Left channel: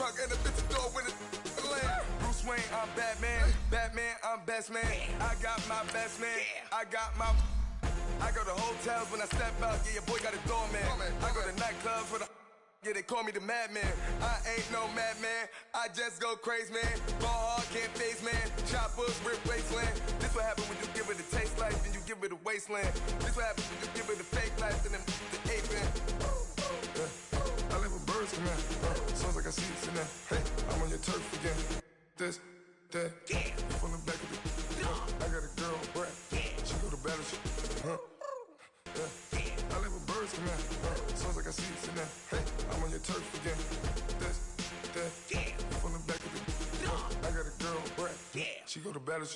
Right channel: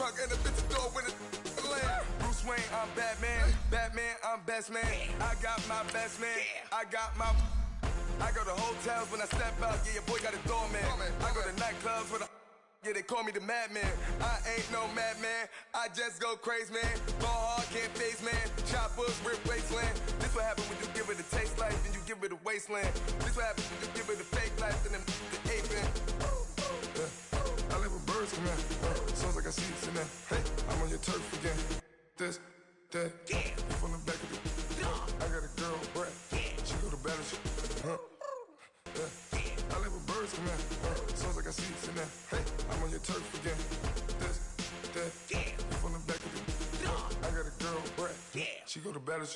trunk and a bitch door with a land. Bruce Wayne, I'm Batman. Batman, I'm best man. I got my best man. I got my... I go to hotels when I step out. Yeah, your boy got a doorman. I go to nightclubs with a... Yeah, they call me the madman. I ain't no madman. I just go crazy, man. Ball hard, can't face, man. Choppers, rip wasteland. This what happen when you give it a taste life and you give it a wasteland. This what happens when you give it a fake life and then the ape in. I live with birds come in. Sounds like I see it in there. Hey, I'm on your turf again. This, that, from the back of the... I got a girl, Brett. She go to battle. I live with birds come in. Sounds like I see it in there. Hey, I'm on your turf again. This, that, from the back of the... I got a girl, Brett. She go to battle.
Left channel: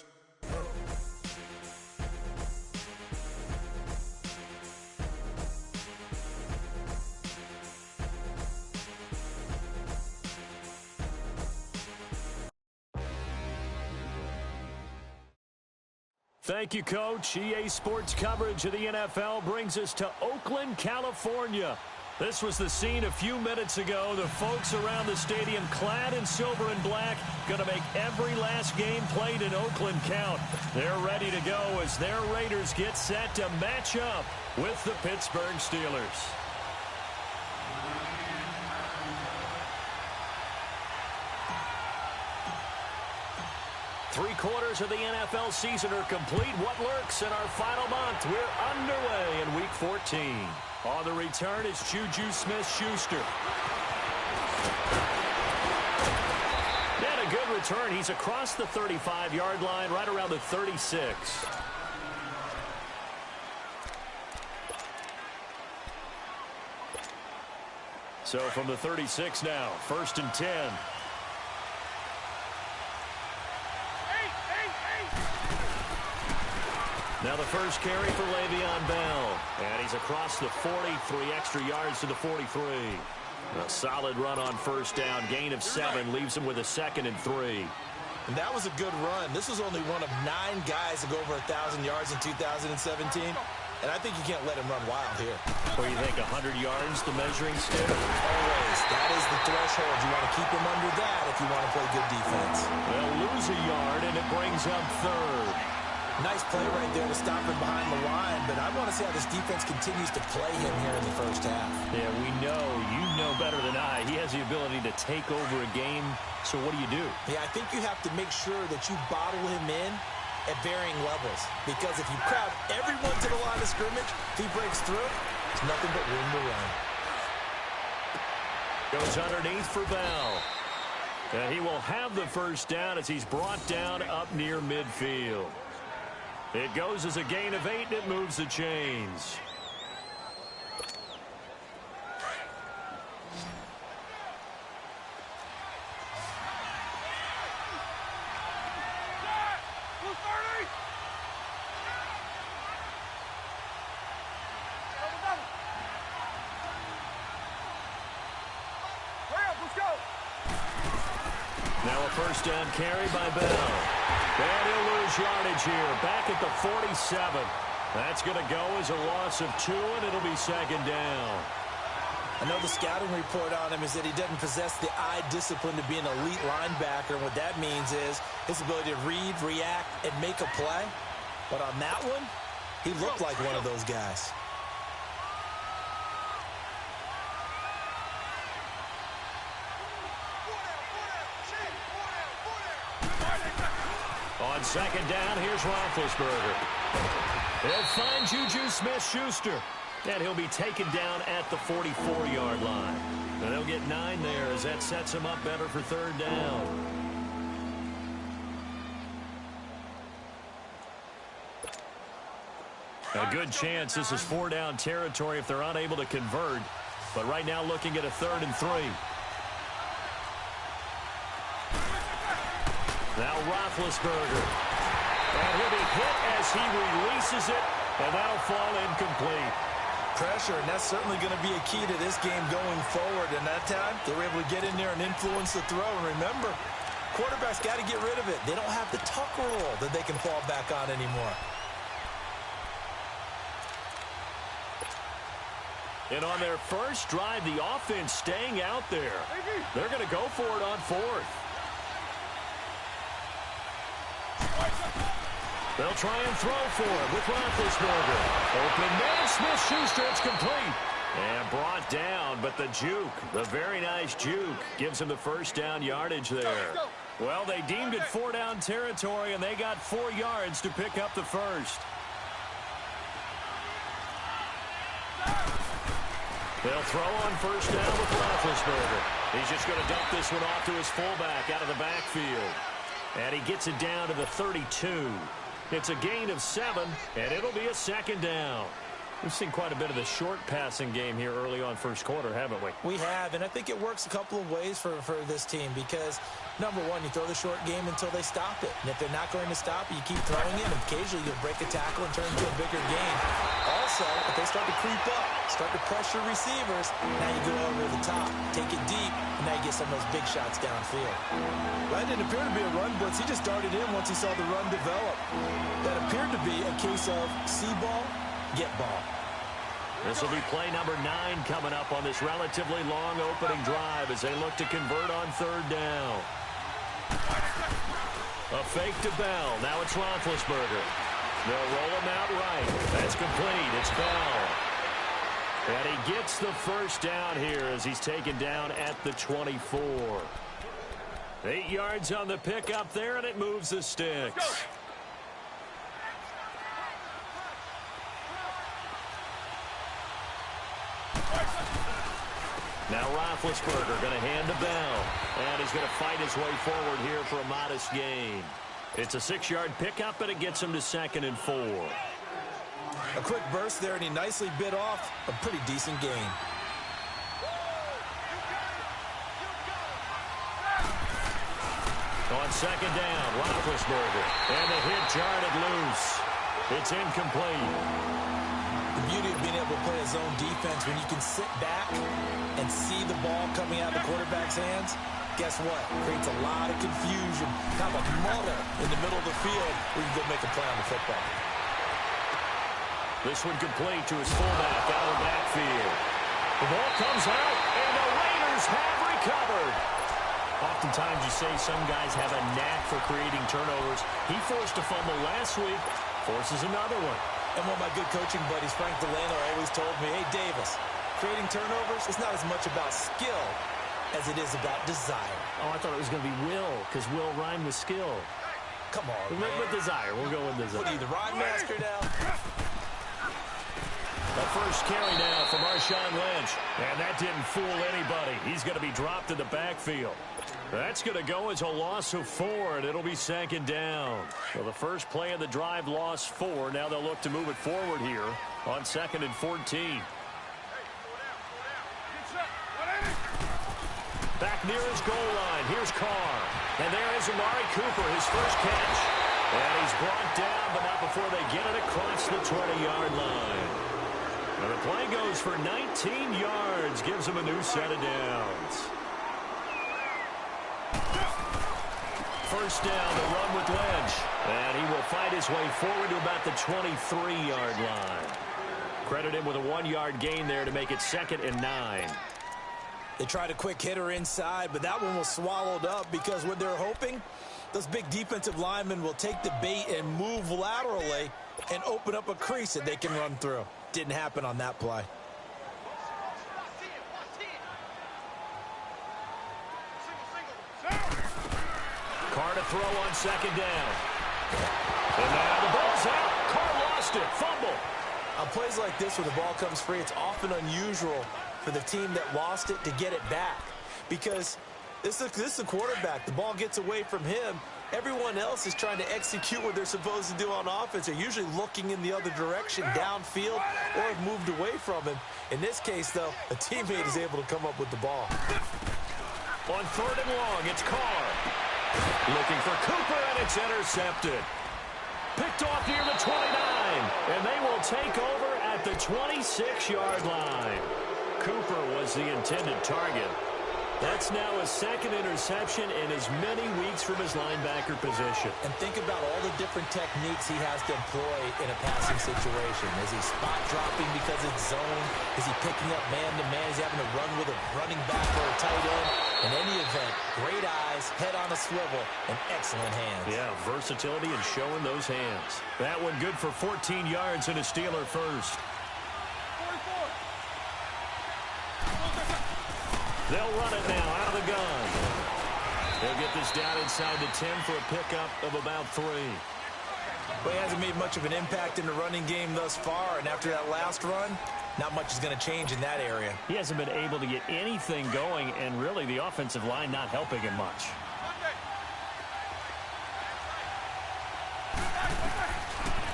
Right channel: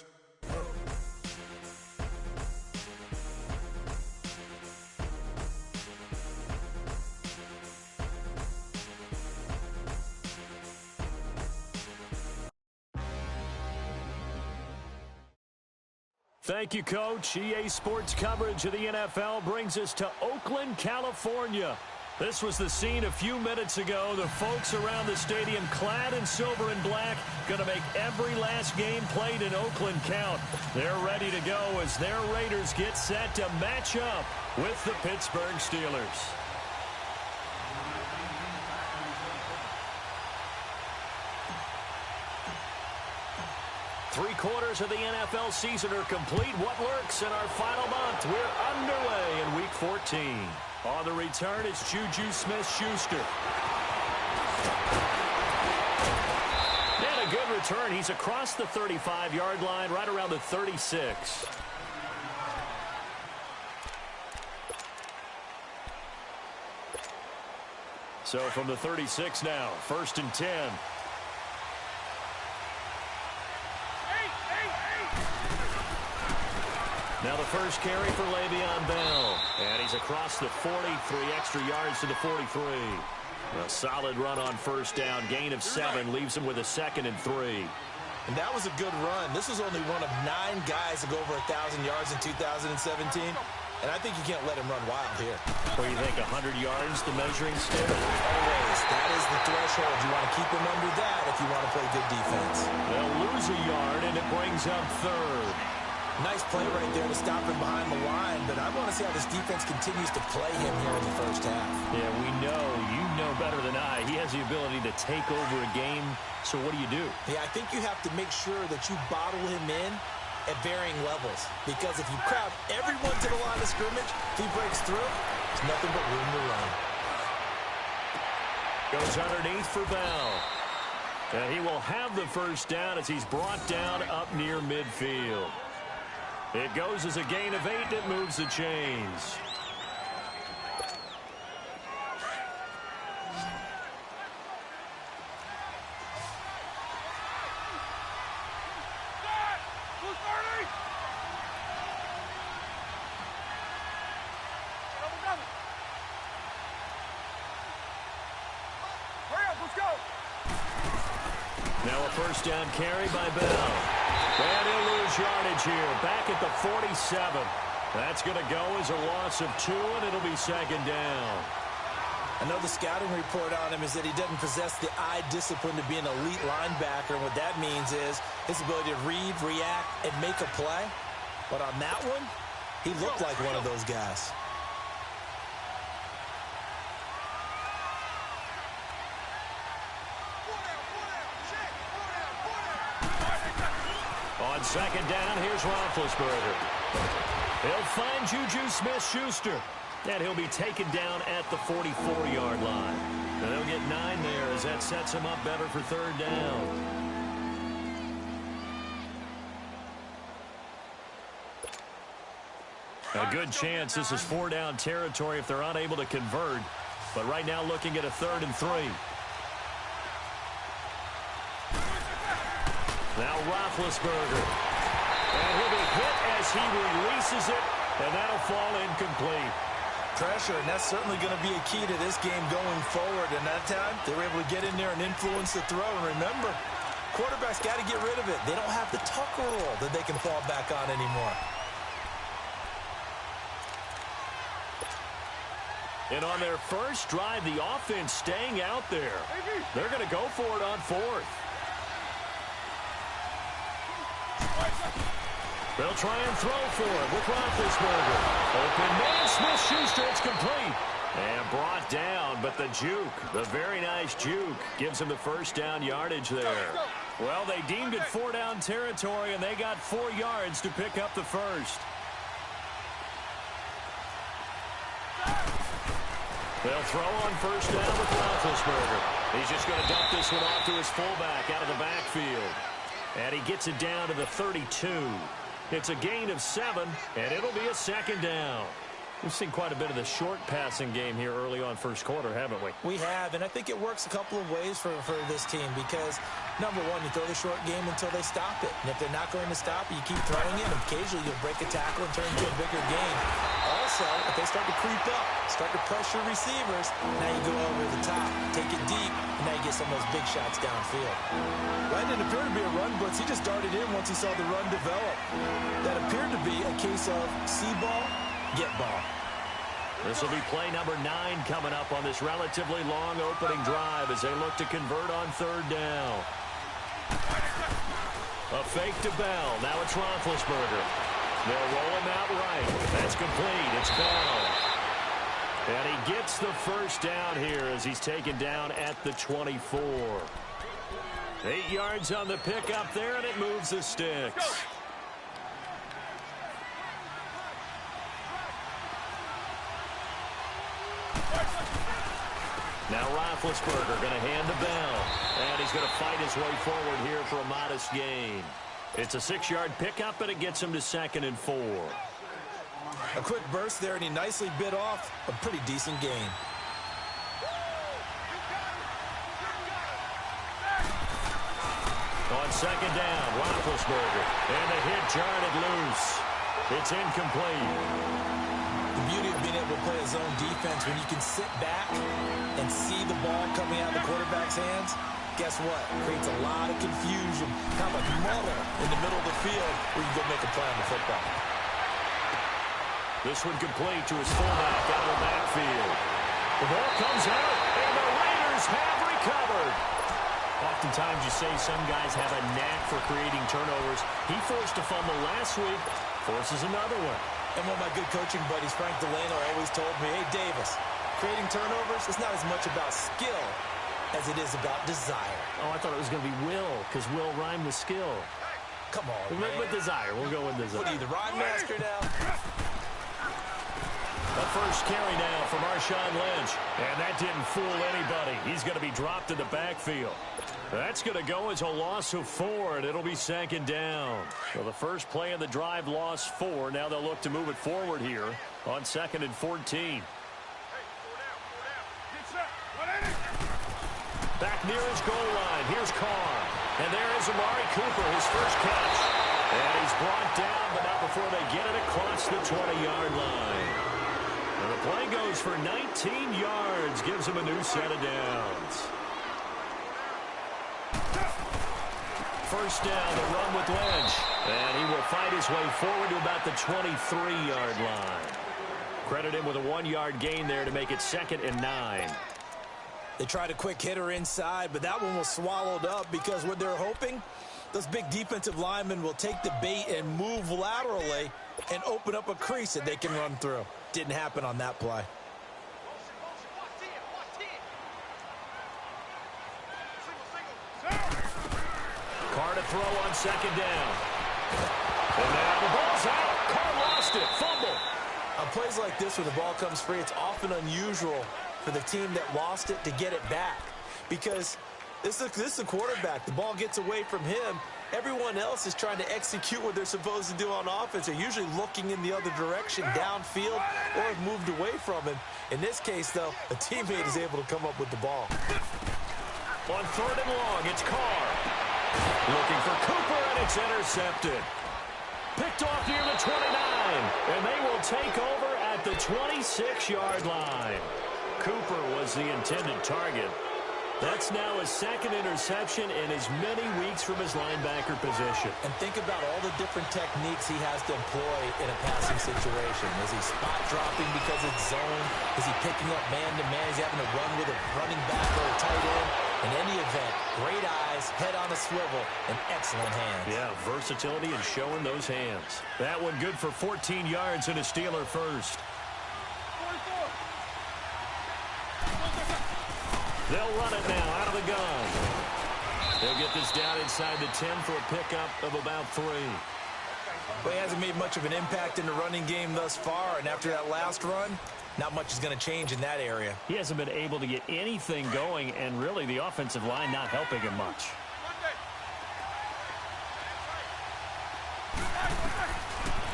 Thank you, Coach. EA Sports coverage of the NFL brings us to Oakland, California. This was the scene a few minutes ago. The folks around the stadium clad in silver and black going to make every last game played in Oakland count. They're ready to go as their Raiders get set to match up with the Pittsburgh Steelers. Three-quarters of the NFL season are complete. What lurks in our final month? We're underway in Week 14. On the return is Juju Smith-Schuster. And a good return. He's across the 35-yard line, right around the 36. So from the 36 now, 1st and 10. Now the first carry for Le'Veon Bell. And he's across the 40, 3 extra yards to the 43. A solid run on first down. Gain of 7 leaves him with a 2nd and 3. And that was a good run. This was only one of 9 guys to go over 1,000 yards in 2017. And I think you can't let him run wild here. Or you think 100 yards, the measuring stick? Always. That is the threshold. You want to keep him under that if you want to play good defense. They'll lose a yard, and it brings up 3rd. Nice play right there to stop him behind the line, but I want to see how this defense continues to play him here in the first half. Yeah, we know. You know better than I. He has the ability to take over a game, so what do you do? Yeah, I think you have to make sure that you bottle him in at varying levels, because if you crowd everyone to the line of scrimmage, if he breaks through, there's nothing but room to run. Goes underneath for Bell. And he will have the first down as he's brought down up near midfield. It goes as a gain of 8. It moves the chains. Now a first down carry by Bell. And he'll lose yardage here. Back at the 47. That's going to go as a loss of 2, and it'll be 2nd down. I know the scouting report on him is that he doesn't possess the eye discipline to be an elite linebacker. And what that means is his ability to read, react, and make a play. But on that one, he looked like one of those guys. On 2nd down, here's Roethlisberger. He'll find Juju Smith-Schuster. And he'll be taken down at the 44-yard line. And they'll get 9 there as that sets him up better for 3rd down. A good chance this is 4-down territory if they're unable to convert. But right now looking at a 3rd and 3. Now Roethlisberger. And he'll be hit as he releases it, and that'll fall incomplete. Pressure, and that's certainly going to be a key to this game going forward. And that time, they were able to get in there and influence the throw. And remember, quarterbacks got to get rid of it. They don't have the tuck rule that they can fall back on anymore. And on their first drive, the offense staying out there. They're going to go for it on fourth. They'll try and throw for it with Roethlisberger. Open man, Smith-Schuster, it's complete. And brought down, but the juke, the very nice juke, gives him the first down yardage there. Well, they deemed it 4-down territory, and they got 4 yards to pick up the first. They'll throw on first down with Roethlisberger. He's just going to dump this one off to his fullback out of the backfield. And he gets it down to the 32. It's a gain of 7, and it'll be a second down. We've seen quite a bit of the short passing game here early on first quarter, haven't we? We have, and I think it works a couple of ways for this team because, number one, you throw the short game until they stop it. And if they're not going to stop it, you keep throwing it, and occasionally you'll break a tackle and turn into a bigger gain. Also, if they start to creep up, start to pressure receivers, now you go over the top, take it deep, and now you get some of those big shots downfield. That didn't appear to be a run blitz. He just darted in once he saw the run develop. That appeared to be a case of see ball, get ball. This will be play number 9 coming up on this relatively long opening drive as they look to convert on third down. A fake to Bell. Now it's Roethlisberger. They'll roll him out right. That's complete. It's Bell. And he gets the first down here as he's taken down at the 24. 8 yards on the pickup there, and it moves the sticks. Now Roethlisberger going to hand to Bell. And he's going to fight his way forward here for a modest gain. It's a 6-yard pickup, and it gets him to 2nd and 4. A quick burst there, and he nicely bit off a pretty decent gain. On second down, Roethlisberger. And the hit jarred loose. It's incomplete. The beauty of being able to play a zone defense when you can sit back and see the ball coming out of the quarterback's hands, guess what? Creates a lot of confusion, kind of a muddle in the middle of the field where you go make a play on the football. This one complete to his fullback out of the backfield. The ball comes out, and the Raiders have recovered. Oftentimes you say some guys have a knack for creating turnovers. He forced a fumble last week, forces another one. And one of my good coaching buddies, Frank Delano, always told me, hey, Davis, creating turnovers is not as much about skill as it is about desire. Oh, I thought it was going to be will, because will rhyme with skill. Come on, man. With desire. We'll go with desire. What are you, the rhyme master now? The first carry now from Marshawn Lynch. And that didn't fool anybody. He's going to be dropped in the backfield. That's going to go as a loss of 4, and it'll be 2nd down. So the first play of the drive lost 4. Now they'll look to move it forward here on 2nd and 14. Back near his goal line. Here's Carr. And there is Amari Cooper, his first catch. And he's brought down, but not before they get it across the 20-yard line. And the play goes for 19 yards. Gives him a new set of downs. First down, the run with Lynch. And he will fight his way forward to about the 23-yard line. Credit him with a 1-yard gain there to make it 2nd and 9. They tried a quick hitter inside, but that one was swallowed up because what they're hoping, those big defensive linemen will take the bait and move laterally and open up a crease that they can run through. Didn't happen on that play. Carr to throw on 2nd down. And now the ball's out. Carr lost it. Fumble. On plays like this where the ball comes free, it's often unusual for the team that lost it to get it back. Because this is the quarterback. The ball gets away from him. Everyone else is trying to execute what they're supposed to do on offense. They're usually looking in the other direction, downfield, or have moved away from him. In this case, though, a teammate is able to come up with the ball. On 3rd and long, it's Carr. Looking for Cooper, and it's intercepted. Picked off near the 29, and they will take over at the 26-yard line. Cooper was the intended target. That's now his second interception in as many weeks from his linebacker position. And think about all the different techniques he has to employ in a passing situation. Is he spot dropping because it's zone? Is he picking up man-to-man? Is he having to run with a running back or a tight end? In any event, great eyes, head on a swivel, and excellent hands. Yeah, versatility and showing those hands. That one good for 14 yards and a Steeler first. They'll run it now out of the gun. They'll get this down inside the 10 for a pickup of about 3. Well, he hasn't made much of an impact in the running game thus far, and after that last run, not much is going to change in that area. He hasn't been able to get anything going, and really the offensive line not helping him much.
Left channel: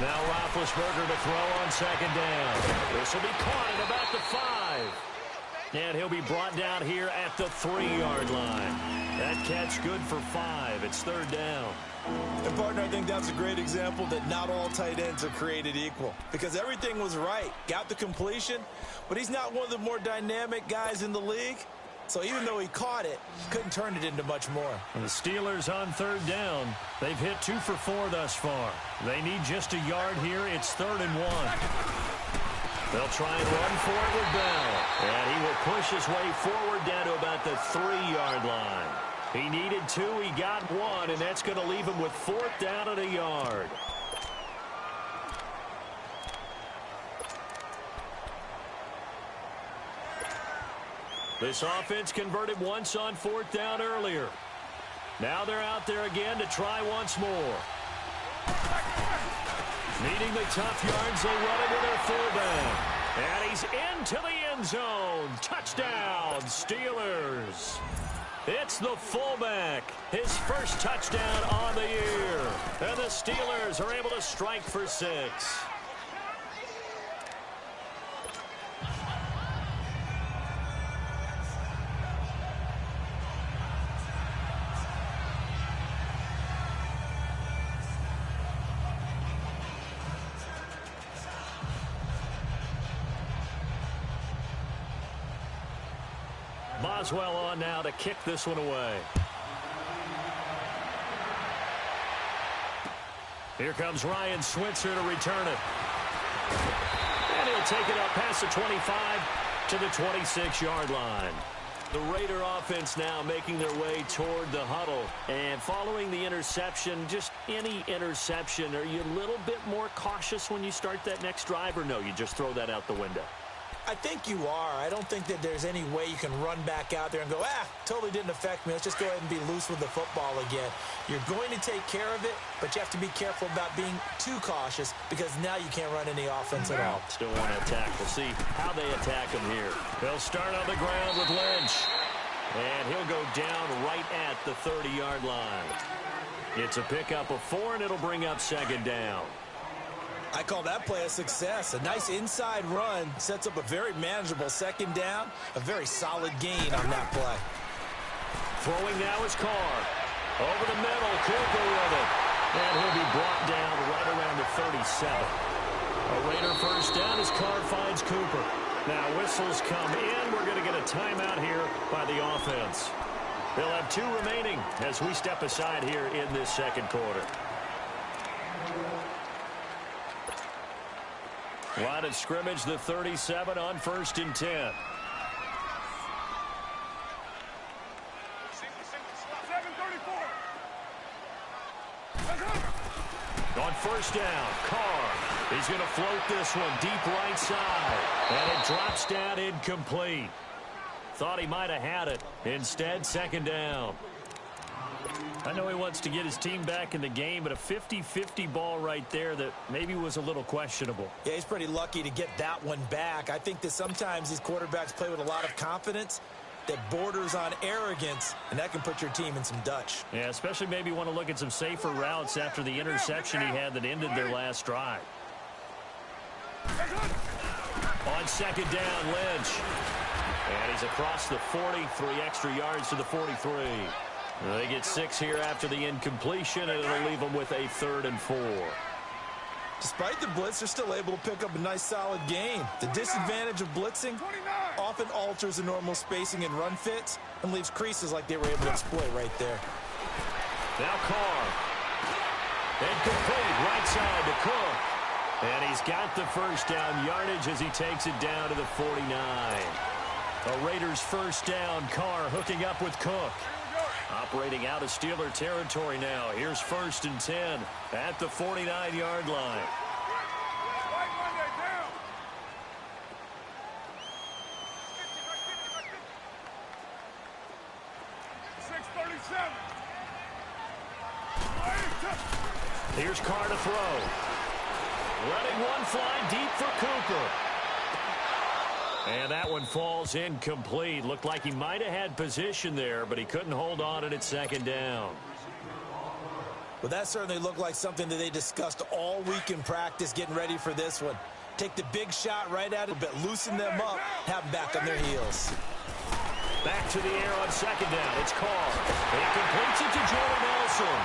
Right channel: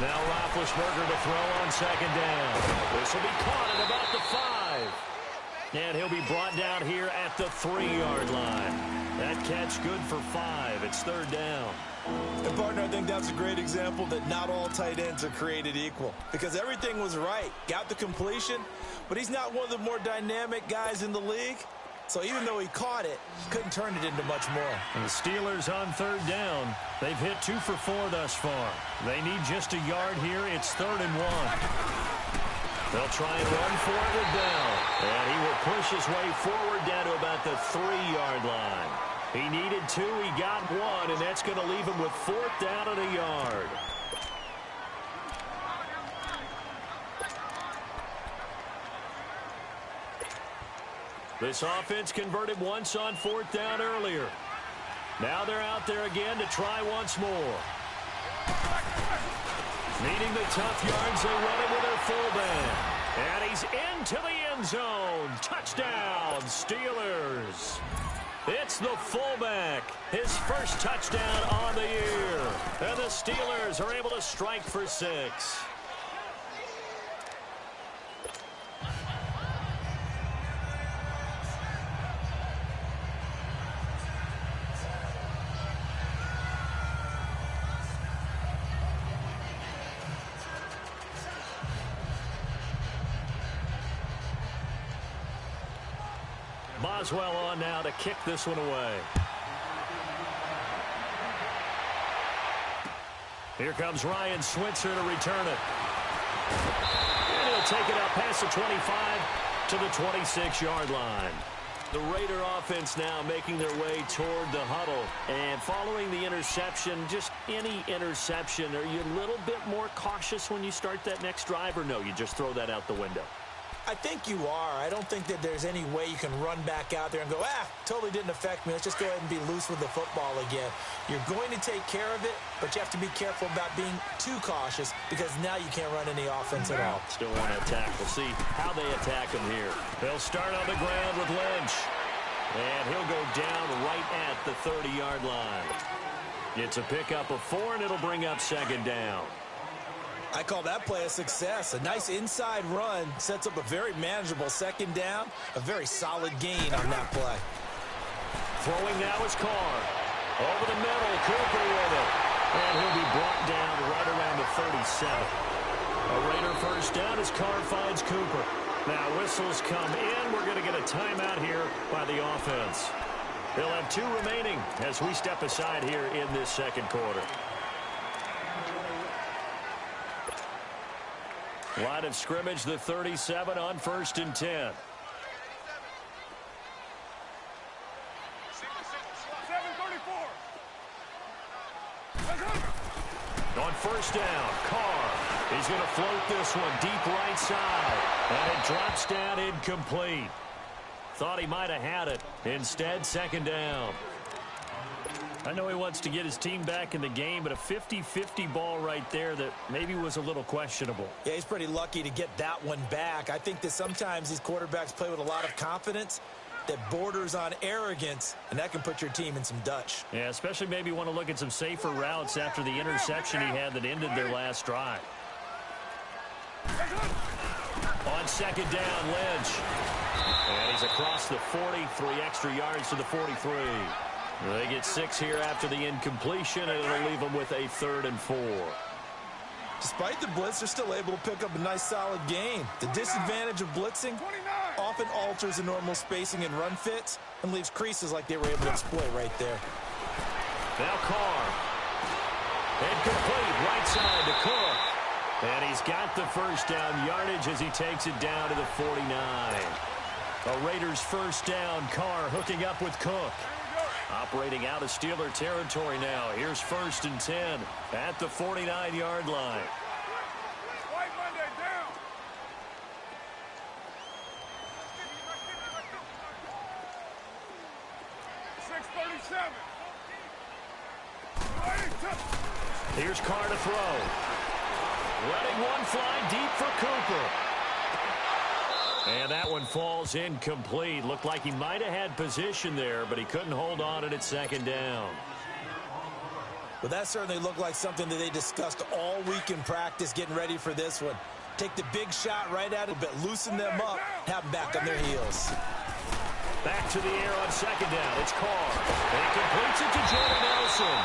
Now Roethlisberger to throw on second down. This will be caught at about the 5. And he'll be brought down here at the 3-yard line. That catch good for 5. It's third down. And, partner, I think that's a great example that not all tight ends are created equal. Because everything was right. Got the completion, but he's not one of the more dynamic guys in the league. So even though he caught it, couldn't turn it into much more. And the Steelers on third down. They've hit 2 for 4 thus far. They need just a yard here. It's 3rd and 1. They'll try and run for it with Bell. And he will push his way forward down to about the 3-yard line. He needed 2. He got 1, and that's going to leave him with 4th down and a yard. This offense converted once on 4th down earlier. Now they're out there again to try once more. Needing the tough yards, they run it with their fullback. And he's into the end zone. Touchdown, Steelers. It's the fullback. His first touchdown on the year. And the Steelers are able to strike for 6. Boswell on now to kick this one away. Here comes Ryan Switzer to return it. And he'll take it out past the 25 to the 26-yard line. The Raider offense now making their way toward the huddle. And following the interception, just any interception, are you a little bit more cautious when you start that next drive, or no, you just throw that out the window? I think you are. I don't think that there's any way you can run back out there and go, totally didn't affect me. Let's just go ahead and be loose with the football again. You're going to take care of it, but you have to be careful about being too cautious because now you can't run any offense at all. Still want to attack. We'll see how they attack him here. They'll start on the ground with Lynch. And he'll go down right at the 30-yard line. It's a pickup of 4, and it'll bring up second down. I call that play a success. A nice inside run sets up a very manageable second down. A very solid gain on that play. Throwing now is Carr. Over the middle, Cooper with it. And he'll be brought down right around the 37. A Raider first down as Carr finds Cooper. Now whistles come in. We're going to get a timeout here by the offense. They'll have 2 remaining as we step aside here in this second quarter. Line of scrimmage, the 37 on 1st and 10. On first down, Carr. He's going to float this one deep right side. And it drops down incomplete. Thought he might have had it. Instead, second down. I know he wants to get his team back in the game, but a 50-50 ball right there that maybe was a little questionable. Yeah, he's pretty lucky to get that one back. I think that sometimes these quarterbacks play with a lot of confidence that borders on arrogance, and that can put your team in some Dutch. Yeah, especially maybe want to look at some safer routes after the interception he had that ended their last drive. On second down, Lynch. And he's across the 40, 3 extra yards to the 43. They get 6 here after the incompletion, and it'll leave them with a 3rd and 4. Despite the blitz, they're still able to pick up a nice, solid gain. The disadvantage of blitzing often alters the normal spacing and run fits and leaves creases like they were able to exploit right there. Now Carr. And complete right side to Cook. And he's got the first down yardage as he takes it down to the 49. A Raiders first down. Carr hooking up with Cook. Operating out of Steeler territory now. Here's 1st and 10 at the 49-yard line. White Monday down. .637. Here's Carr to throw. Letting one fly deep for Cooper. And that one falls incomplete. Looked like he might have had position there, but he couldn't hold on at 2nd down. Well, that certainly looked like something that they discussed all week in practice getting ready for this one. Take the big shot right at it, but loosen them up, have them back on their heels. Back to the air on 2nd down. It's Carr. And he completes it to Jordan Nelson.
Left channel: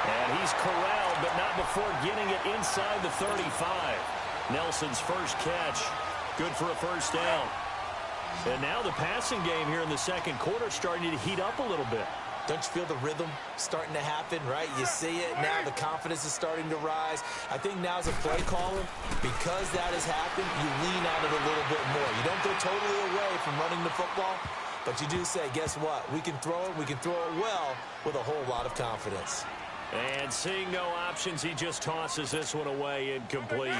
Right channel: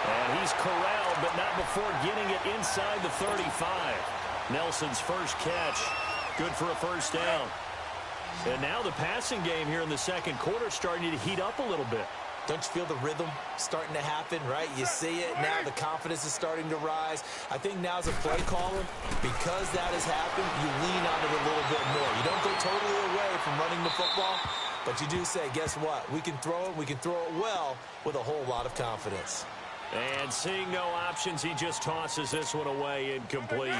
And he's corralled, but not before getting it inside the 35. Nelson's first catch. Good for a first down. And now the passing game here in the 2nd quarter starting to heat up a little bit. Don't you feel the rhythm starting to happen, right? You see it now. The confidence is starting to rise. I think now as a play caller, because that has happened, you lean on it a little bit more. You don't go totally away from running the football, but you do say, guess what? We can throw it. We can throw it well with a whole lot of confidence. And seeing no options, he just tosses this one away incomplete.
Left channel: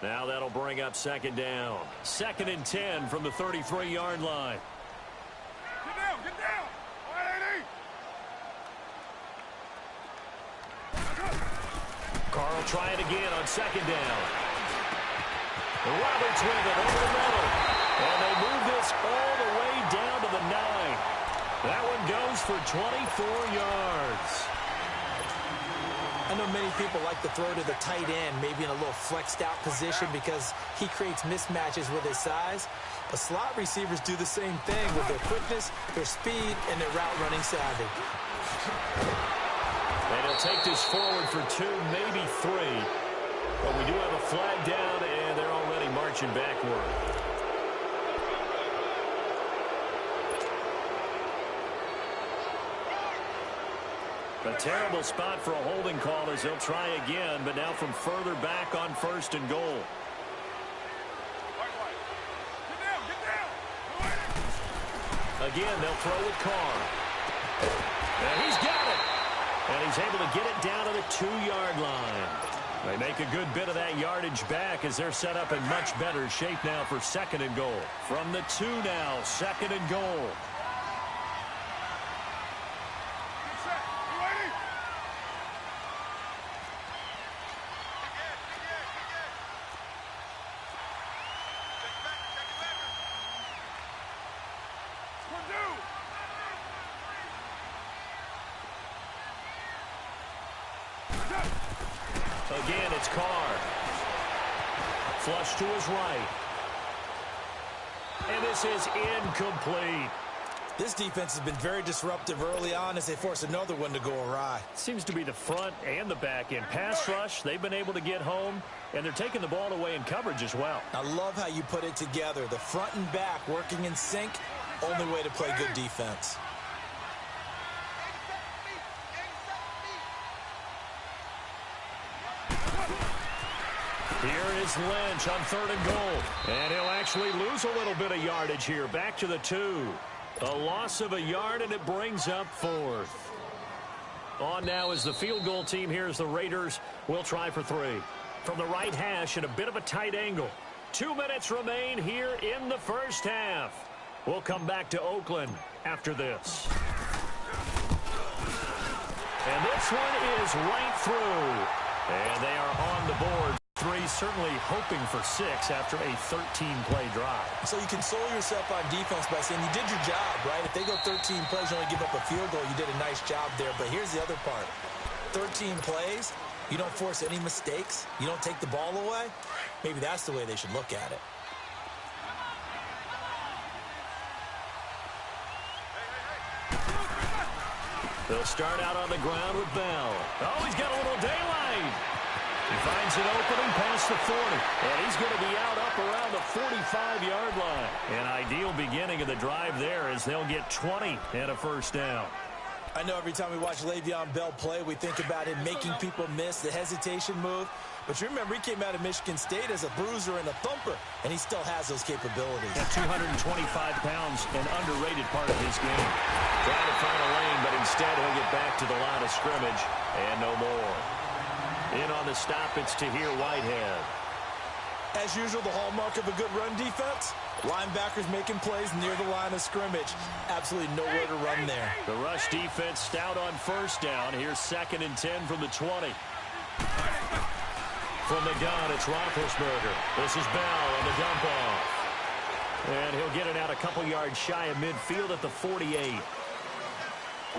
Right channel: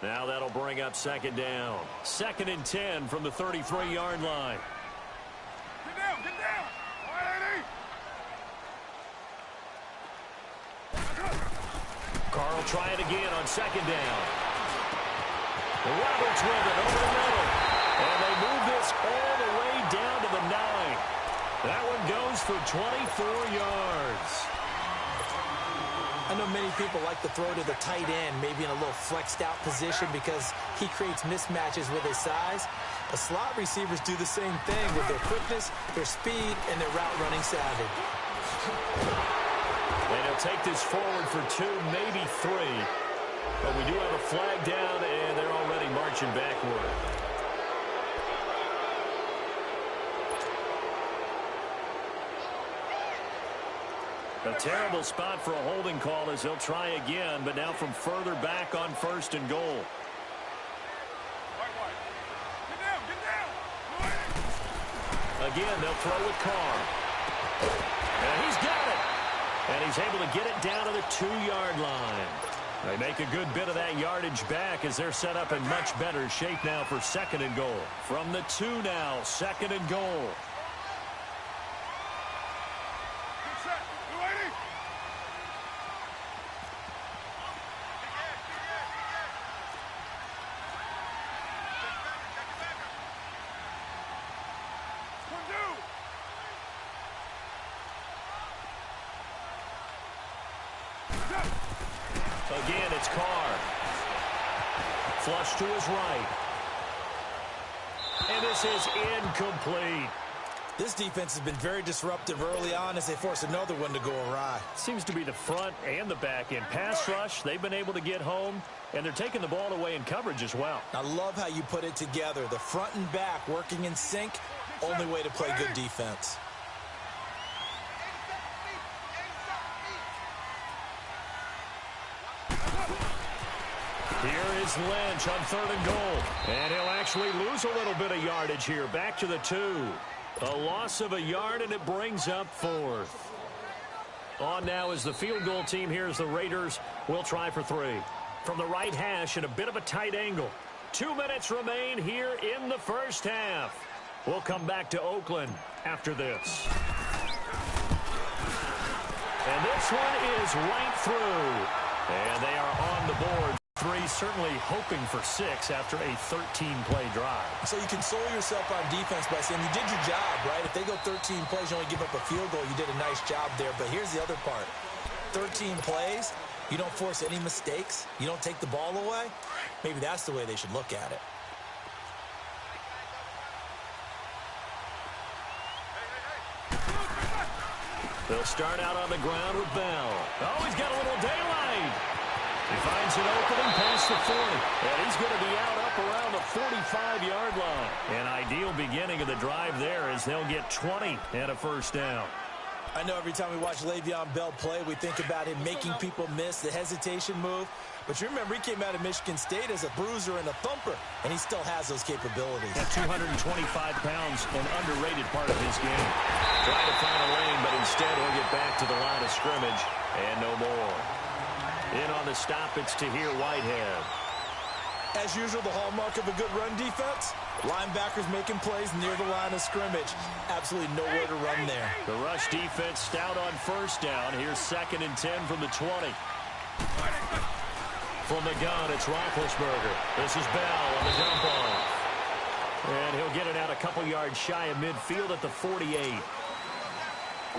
Now that'll bring up 2nd down. 2nd and 10 from the 33-yard line. Get down, get down. 180. Carl try it again on 2nd down. Roberts with it over the middle. And they move this all the way down to the 9. That one goes for 24 yards. I know many people like to throw to the tight end, maybe in a little flexed out position because he creates mismatches with his size. But slot receivers do the same thing with their quickness, their speed, and their route running savvy. And he'll take this forward for 2, maybe 3. But we do have a flag down, and they're already marching backward. A terrible spot for a holding call as they'll try again, but now from further back on 1st and goal. Get down, get down. Again, they'll throw with Carr. And he's got it. And he's able to get it down to the 2-yard line. They make a good bit of that yardage back as they're set up in much better shape now for 2nd and goal. From the 2 now, 2nd and goal. Again, it's Carr. Flush to his right. And this is incomplete. This defense has been very disruptive early on as they force another one to go awry. Seems to be the front and the back end. Pass rush, they've been able to get home, and they're taking the ball away in coverage as well. I love how you put it together. The front and back working in sync, only way to play good defense. Here is Lynch on 3rd and goal. And he'll actually lose a little bit of yardage here. Back to the 2. A loss of a yard, and it brings up 4th. On now is the field goal team. Here's the Raiders. We'll try for 3. From the right hash at a bit of a tight angle. 2 minutes remain here in the first half. We'll come back to Oakland after this. And this one is right through. And they are on the board. 3, certainly hoping for 6 after a 13-play drive. So you console yourself on defense by saying you did your job, right? If they go 13 plays, you only give up a field goal, you did a nice job there. But here's the other part. 13 plays, you don't force any mistakes, you don't take the ball away. Maybe that's the way they should look at it. They'll start out on the ground with Bell. Oh, he's got a little daylight. He finds an opening past the 40, and he's going to be out up around the 45-yard line. An ideal beginning of the drive there as they'll get 20 and a first down. I know every time we watch Le'Veon Bell play, we think about him making people miss the hesitation move. But you remember, he came out of Michigan State as a bruiser and a thumper, and he still has those capabilities. At 225 pounds, an underrated part of his game. Trying to find a lane, but instead he'll get back to the line of scrimmage, and no more. In on the stop, it's Tahir Whitehead. As usual, the hallmark of a good run defense, linebackers making plays near the line of scrimmage. Absolutely nowhere to run there. The rush defense stout on first down. Here's 2nd and 10 from the 20. From the gun, it's Roethlisberger. This is Bell on the dump off. And he'll get it out a couple yards shy of midfield at the 48.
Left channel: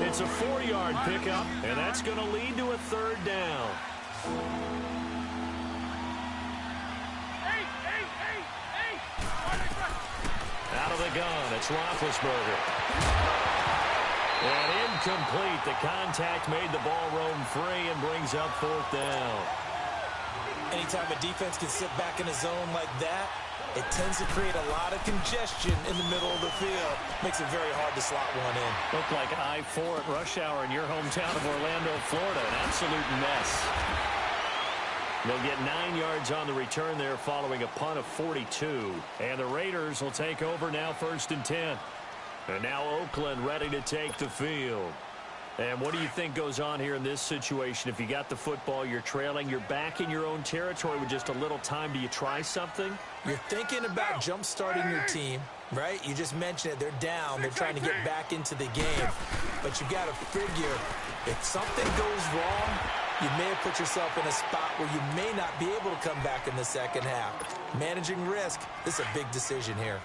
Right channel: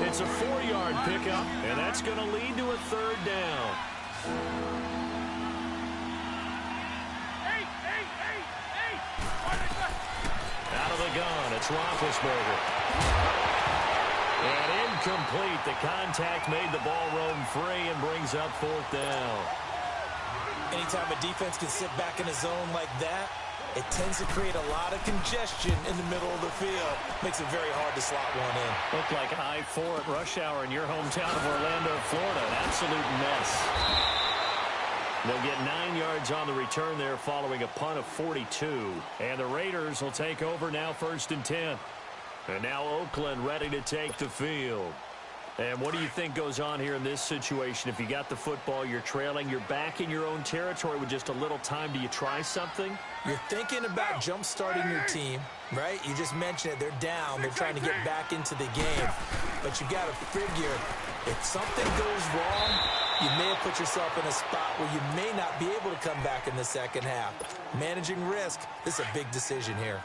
It's a 4-yard pickup, and that's going to lead to a 3rd down. Out of the gun, it's Roethlisberger. And incomplete. The contact made the ball roam free and brings up 4th down. Anytime a defense can sit back in a zone like that, it tends to create a lot of congestion in the middle of the field. Makes it very hard to slot one in. Looked like I-4 at rush hour in your hometown of Orlando, Florida. An absolute mess. They'll get 9 yards on the return there following a punt of 42. And the Raiders will take over now 1st and 10. And now Oakland ready to take the field. And what do you think goes on here in this situation? If you got the football, you're trailing, you're back in your own territory with just a little time. Do you try something? You're thinking about jump-starting your team, right? You just mentioned it. They're down. They're trying to get back into the game. But you got to figure, if something goes wrong, you may have put yourself in a spot where you may not be able to come back in the second half. Managing risk, this is a big decision here.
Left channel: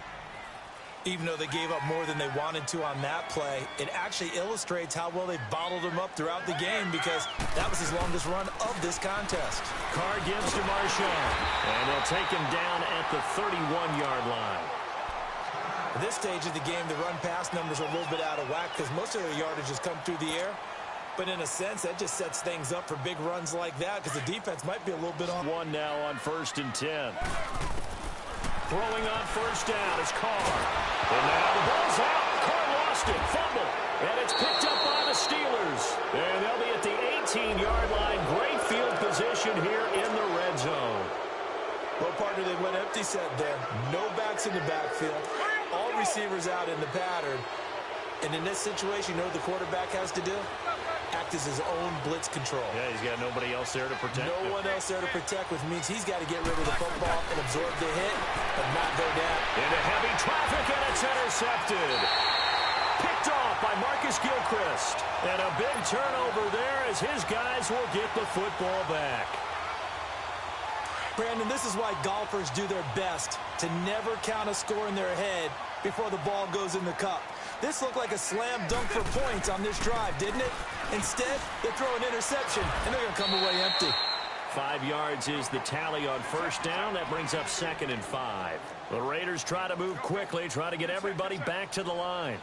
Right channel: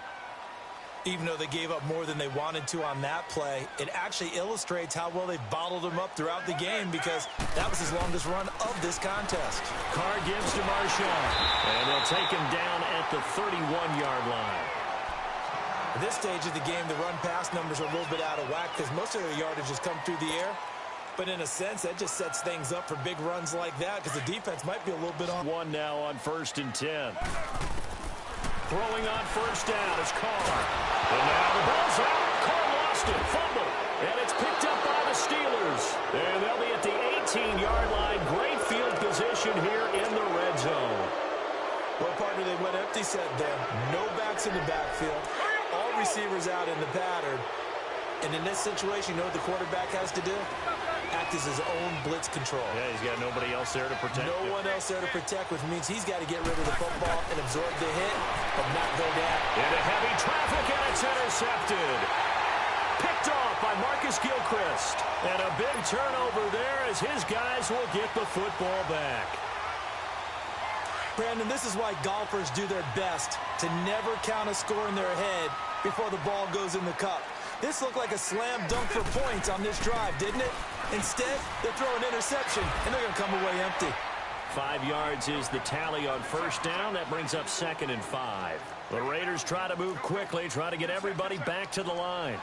Even though they gave up more than they wanted to on that play, it actually illustrates how well they bottled him up throughout the game because that was his longest run of this contest. Carr gives to Marshawn, and they'll take him down at the 31-yard line. At this stage of the game, the run-pass numbers are a little bit out of whack because most of their yardage has come through the air. But in a sense, that just sets things up for big runs like that because the defense might be a little bit on. 1 now on 1st and 10. Throwing on 1st down is Carr. And now the ball's out. Carr lost it. Fumble. And it's picked up by the Steelers. And they'll be at the 18-yard line. Great field position here in the red zone. Well, partner, they went empty set there. No backs in the backfield. All receivers out in the pattern. And in this situation, you know what the quarterback has to do? Act as his own blitz control. Yeah, he's got nobody else there to protect him. No one else there to protect, which means he's got to get rid of the football and absorb the hit, but not go down. Into heavy traffic, and it's intercepted. Picked off by Marcus Gilchrist. And a big turnover there as his guys will get the football back. Brandon, this is why golfers do their best to never count a score in their head before the ball goes in the cup. This looked like a slam dunk for points on this drive, didn't it? Instead, they throw an interception, and they're going to come away empty. 5 yards is the tally on 1st down. That brings up 2nd and 5. The Raiders try to move quickly, try to get everybody back to the line.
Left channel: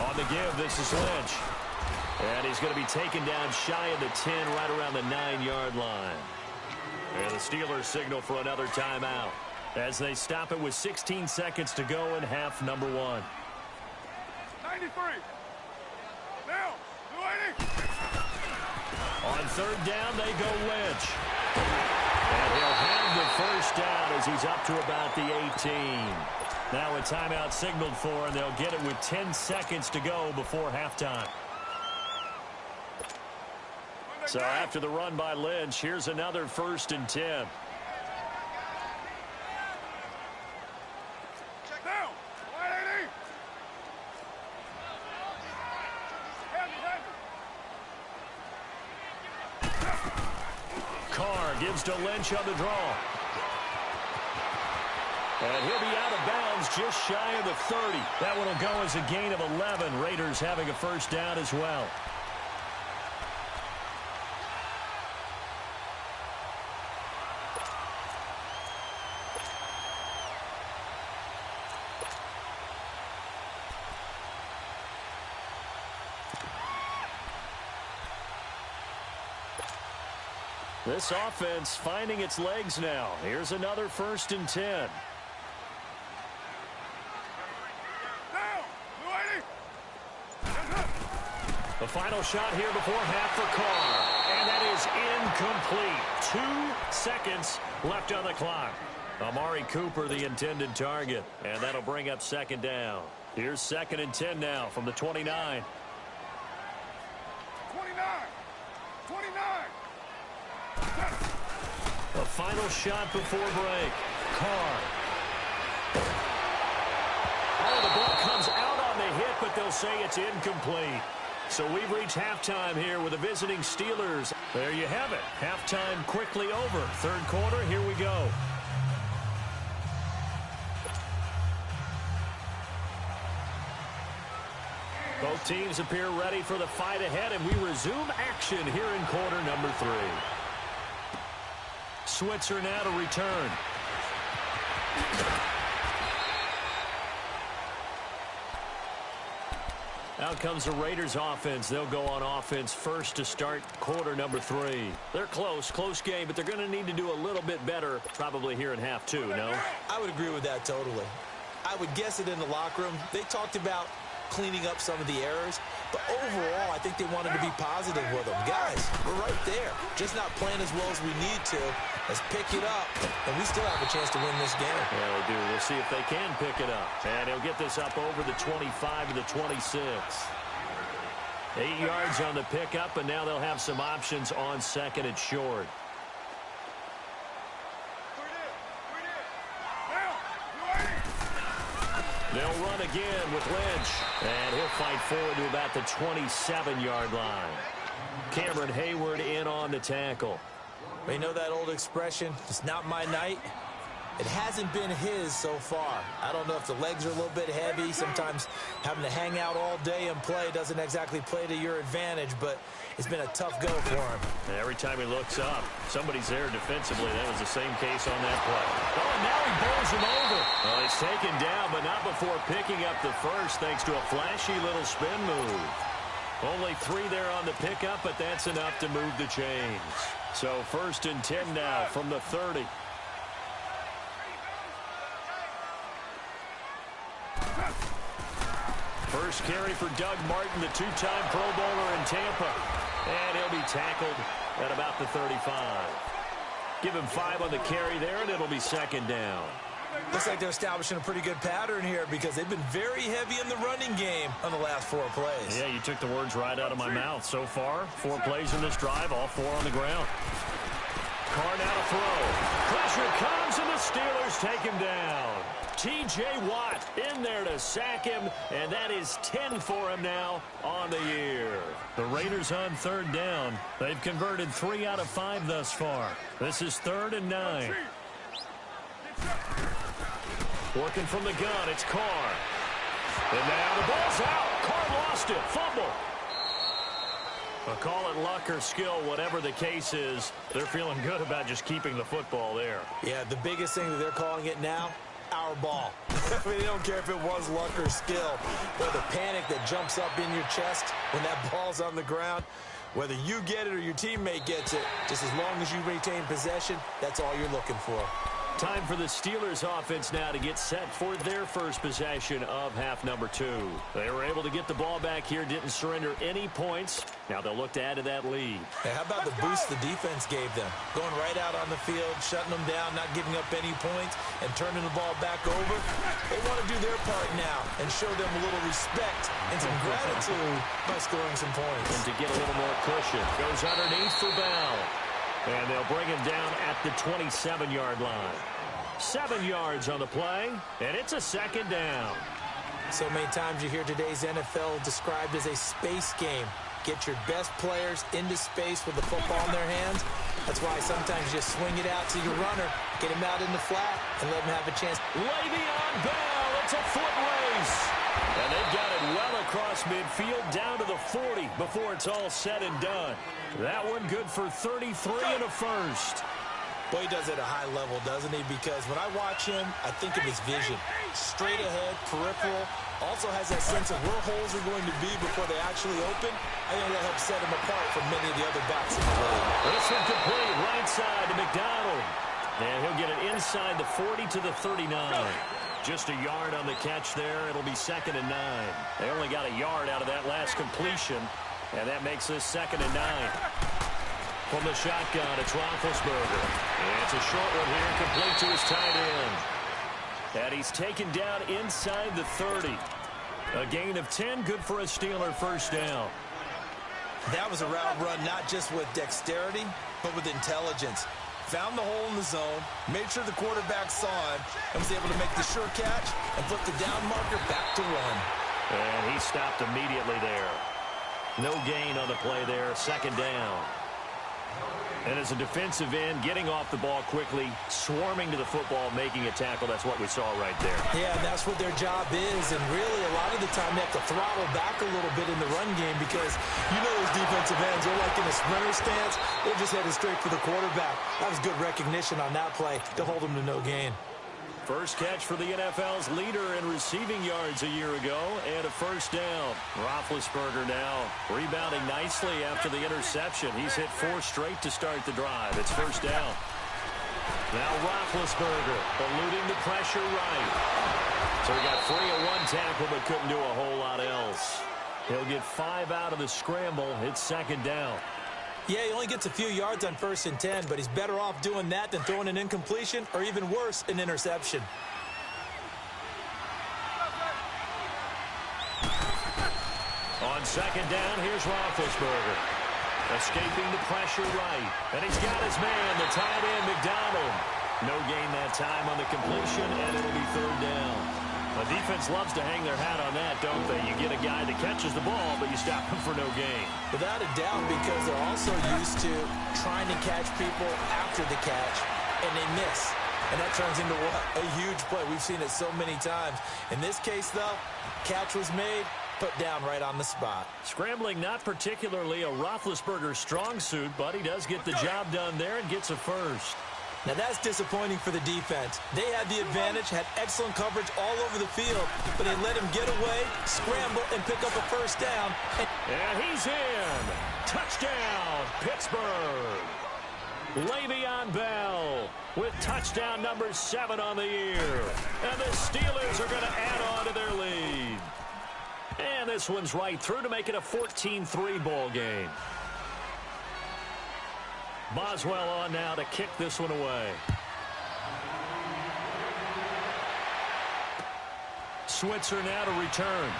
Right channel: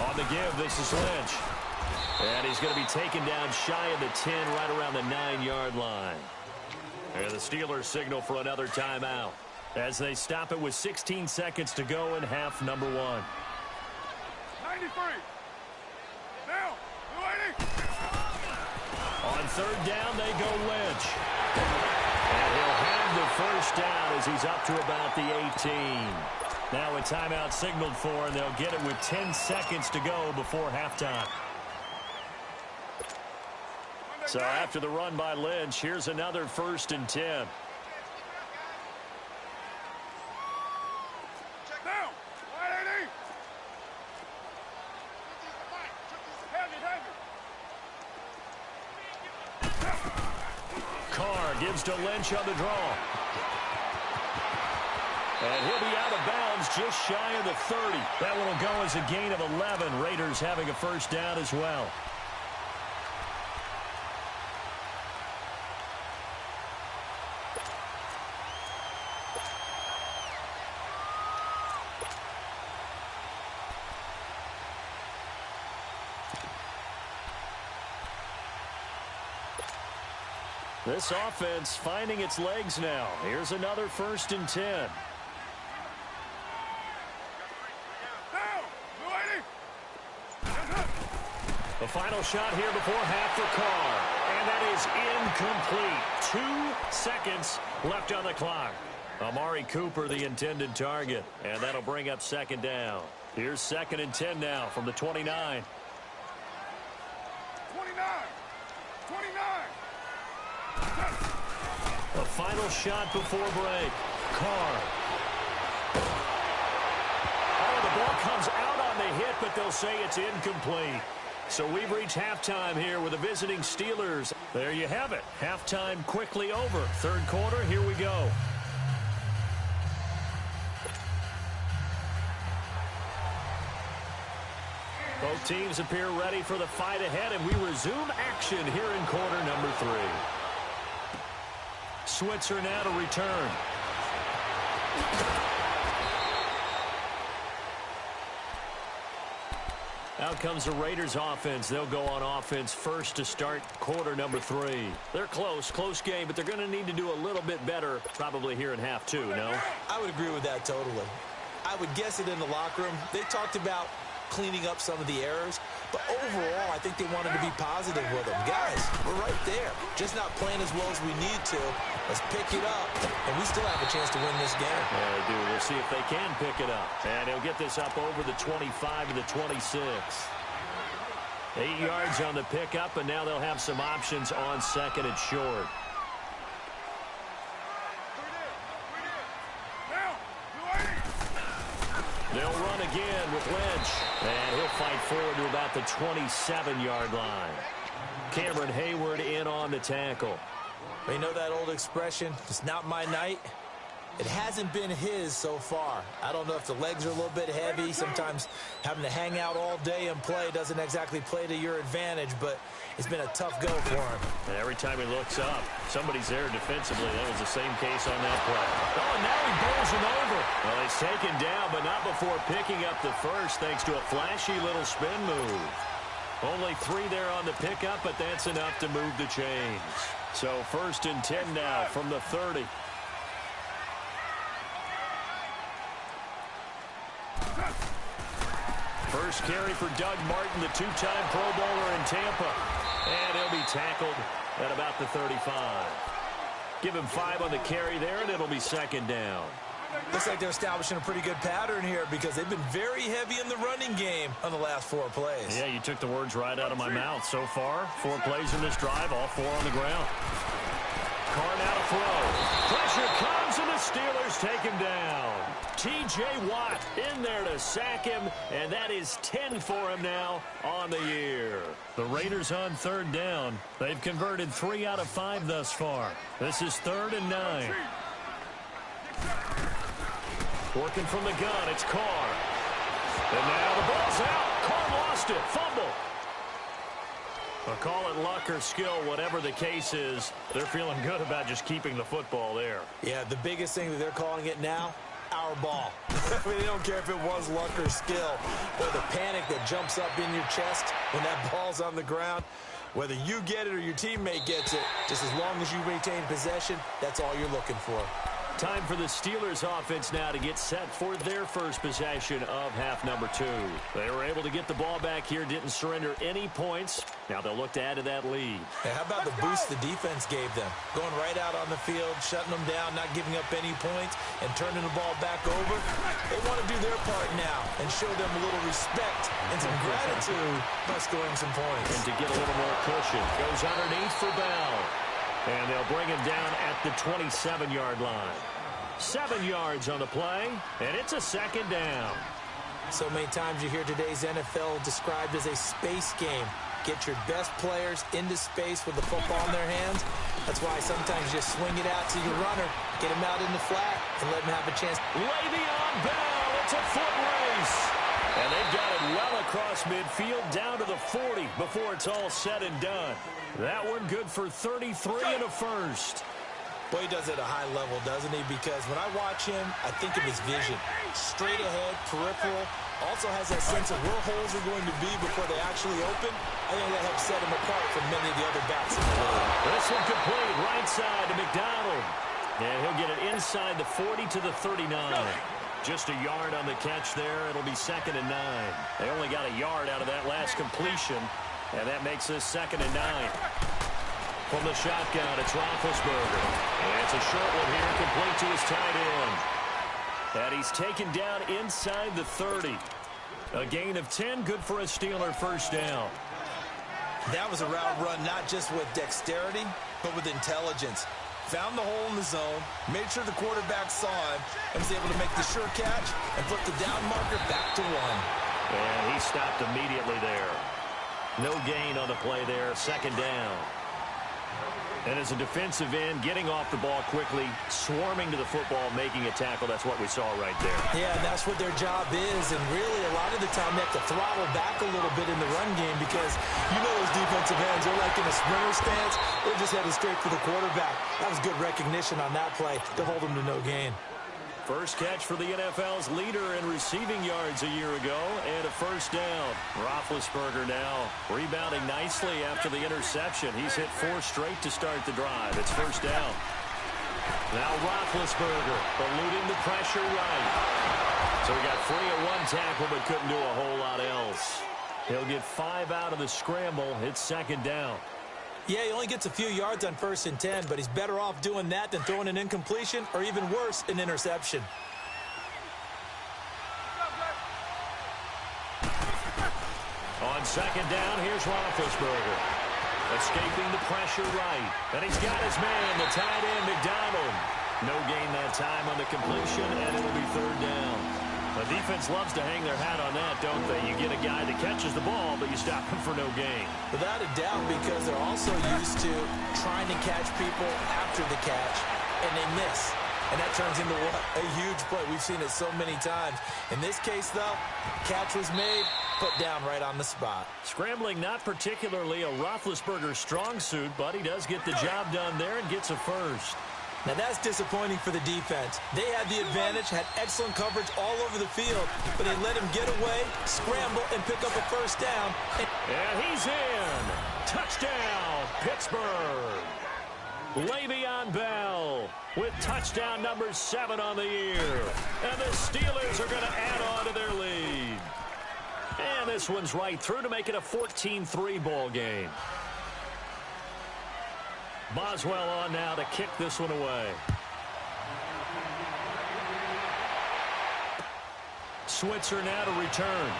On the give, this is Lynch. And he's going to be taken down shy of the 10, right around the 9-yard line. And the Steelers signal for another timeout as they stop it with 16 seconds to go in half number 1. 93. Now, 280. On 3rd down, they go Lynch. And he'll have the first down as he's up to about the 18. Now a timeout signaled for, and they'll get it with 10 seconds to go before halftime. So after the run by Lynch, here's another 1st and 10. Check down. 180. Carr gives to Lynch on the draw. And he'll be out of bounds just shy of the 30. That one will go as a gain of 11. Raiders having a first down as well. This offense finding its legs now. Here's another 1st and 10. The final shot here before half for Carr. And that is incomplete. 2 seconds left on the clock. Amari Cooper, the intended target. And that'll bring up 2nd down. Here's 2nd and 10 now from the 29. 29. The final shot before break. Carr. Oh, the ball comes out on the hit, but they'll say it's incomplete. So we've reached halftime here with the visiting Steelers. There you have it. Halftime quickly over. 3rd quarter, here we go. Both teams appear ready for the fight ahead, and we resume action here in quarter number 3. Switzer now to return. Out comes the Raiders offense. They'll go on offense first to start quarter number 3. They're close game, but they're going to need to do a little bit better probably here in half 2, no? I would agree with that totally. I would guess it in the locker room. They talked about cleaning up some of the errors, but overall, I think they wanted to be positive with them. Guys, we're right there. Just not playing as well as we need to. Let's pick it up, and we still have a chance to win this game. Yeah, they do. We'll see if they can pick it up. And he'll get this up over the 25 to the 26. 8 yards on the pickup, and now they'll have some options on 2nd and short. They'll run again with Lynch, and he'll fight forward to about the 27-yard line. Cameron Hayward in on the tackle. You know that old expression, it's not my night? It hasn't been his so far. I don't know if the legs are a little bit heavy. Sometimes having to hang out all day and play doesn't exactly play to your advantage, but it's been a tough go for him. And every time he looks up, somebody's there defensively. That was the same case on that play. Oh, and now he bowls him over. Well, he's taken down, but not before picking up the first thanks to a flashy little spin move. Only 3 there on the pickup, but that's enough to move the chains. So 1st and 10 now from the 30. First carry for Doug Martin, the 2-time Pro Bowler in Tampa. And he'll be tackled at about the 35. Give him 5 on the carry there, and it'll be 2nd down. Looks like they're establishing a pretty good pattern here because they've been very heavy in the running game on the last 4 plays. Yeah, you took the words right out of my mouth. So far, 4 plays in this drive, all 4 on the ground. Carr now to throw. Pressure comes, and the Steelers take him down. T.J. Watt in there to sack him, and that is 10 for him now on the year. The Raiders on 3rd down. They've converted 3 out of 5 thus far. This is 3rd and 9. Working from the gun, it's Carr. And now the ball's out. Carr lost it. Fumble. Well, call it luck or skill, whatever the case is. They're feeling good about just keeping the football there. Yeah, the biggest thing that they're calling it now, our ball. I mean, they don't care if it was luck or skill. Or the panic that jumps up in your chest when that ball's on the ground. Whether you get it or your teammate gets it, just as long as you retain possession, that's all you're looking for. Time for the Steelers offense now to get set for their first possession of half number 2. They were able to get the ball back here, didn't surrender any points. Now they'll look to add to that lead. Hey, how about the boost the defense gave them? Going right out on the field, shutting them down, not giving up any points, and turning the ball back over. They want to do their part now and show them a little respect and some gratitude by scoring some points. And to get a little more cushion. Goes underneath for Bell. And they'll bring him down at the 27-yard line. 7 yards on the play, and it's a 2nd down. So many times you hear today's NFL described as a space game. Get your best players into space with the football in their hands. That's why sometimes you just swing it out to your runner, get him out in the flat, and let him have a chance. Le'Veon Bell, it's a foot race. And they've got it well across midfield down to the 40 before it's all said and done. That one good for 33 and a first. Boy, he does it at a high level, doesn't he? Because when I watch him, I think of his vision. Straight ahead, peripheral. Also has that sense of where holes are going to be before they actually open. I think that helps set him apart from many of the other backs in the league. This one complete, right side to McDonald. And he'll get it inside the 40 to the 39. Just a yard on the catch there. It'll be 2nd and 9. They only got a yard out of that last completion, and that makes this 2nd and 9. From the shotgun, it's Roethlisberger. It's a short one here, complete to his tight end. And he's taken down inside the 30. A gain of 10, good for a Steeler first down. That was a route run not just with dexterity, but with intelligence. Found the hole in the zone, made sure the quarterback saw him, and was able to make the sure catch and flip the down marker back to 1. And he stopped immediately there. No gain on the play there, 2nd down. And as a defensive end, getting off the ball quickly, swarming to the football, making a tackle, that's what we saw right there. Yeah, that's what their job is, and really a lot of the time they have to throttle back a little bit in the run game because you know those defensive ends are like in a sprinter stance. They're just headed straight for the quarterback. That was good recognition on that play to hold them to no gain. First catch for the NFL's leader in receiving yards a year ago, and a first down. Roethlisberger now rebounding nicely after the interception. He's hit 4 straight to start the drive. It's first down. Now Roethlisberger eluding the pressure right. So he got free of 1 tackle but couldn't do a whole lot else. He'll get 5 out of the scramble. It's 2nd down. Yeah, he only gets a few yards on 1st and 10, but he's better off doing that than throwing an incompletion or even worse, an interception. On 2nd down, here's Roethlisberger. Escaping the pressure right. And he's got his man, the tight end, McDonald. No gain that time on the completion, and it'll be 3rd down. The defense loves to hang their hat on that, don't they? You get a guy that catches the ball, but you stop him for no gain. Without a doubt, because they're also used to trying to catch people after the catch, and they miss. And that turns into what? A huge play. We've seen it so many times. In this case, though, catch was made, put down right on the spot. Scrambling not particularly a Roethlisberger strong suit, but he does get the job done there and gets a first. Now, that's disappointing for the defense. They had the advantage, had excellent coverage all over the field, but they let him get away, scramble, and pick up a first down. And he's in. Touchdown, Pittsburgh. Le'Veon Bell with touchdown number 7 on the year. And the Steelers are going to add on to their lead. And this one's right through to make it a 14-3 ball game. Boswell on now to kick this one away. Switzer now to return.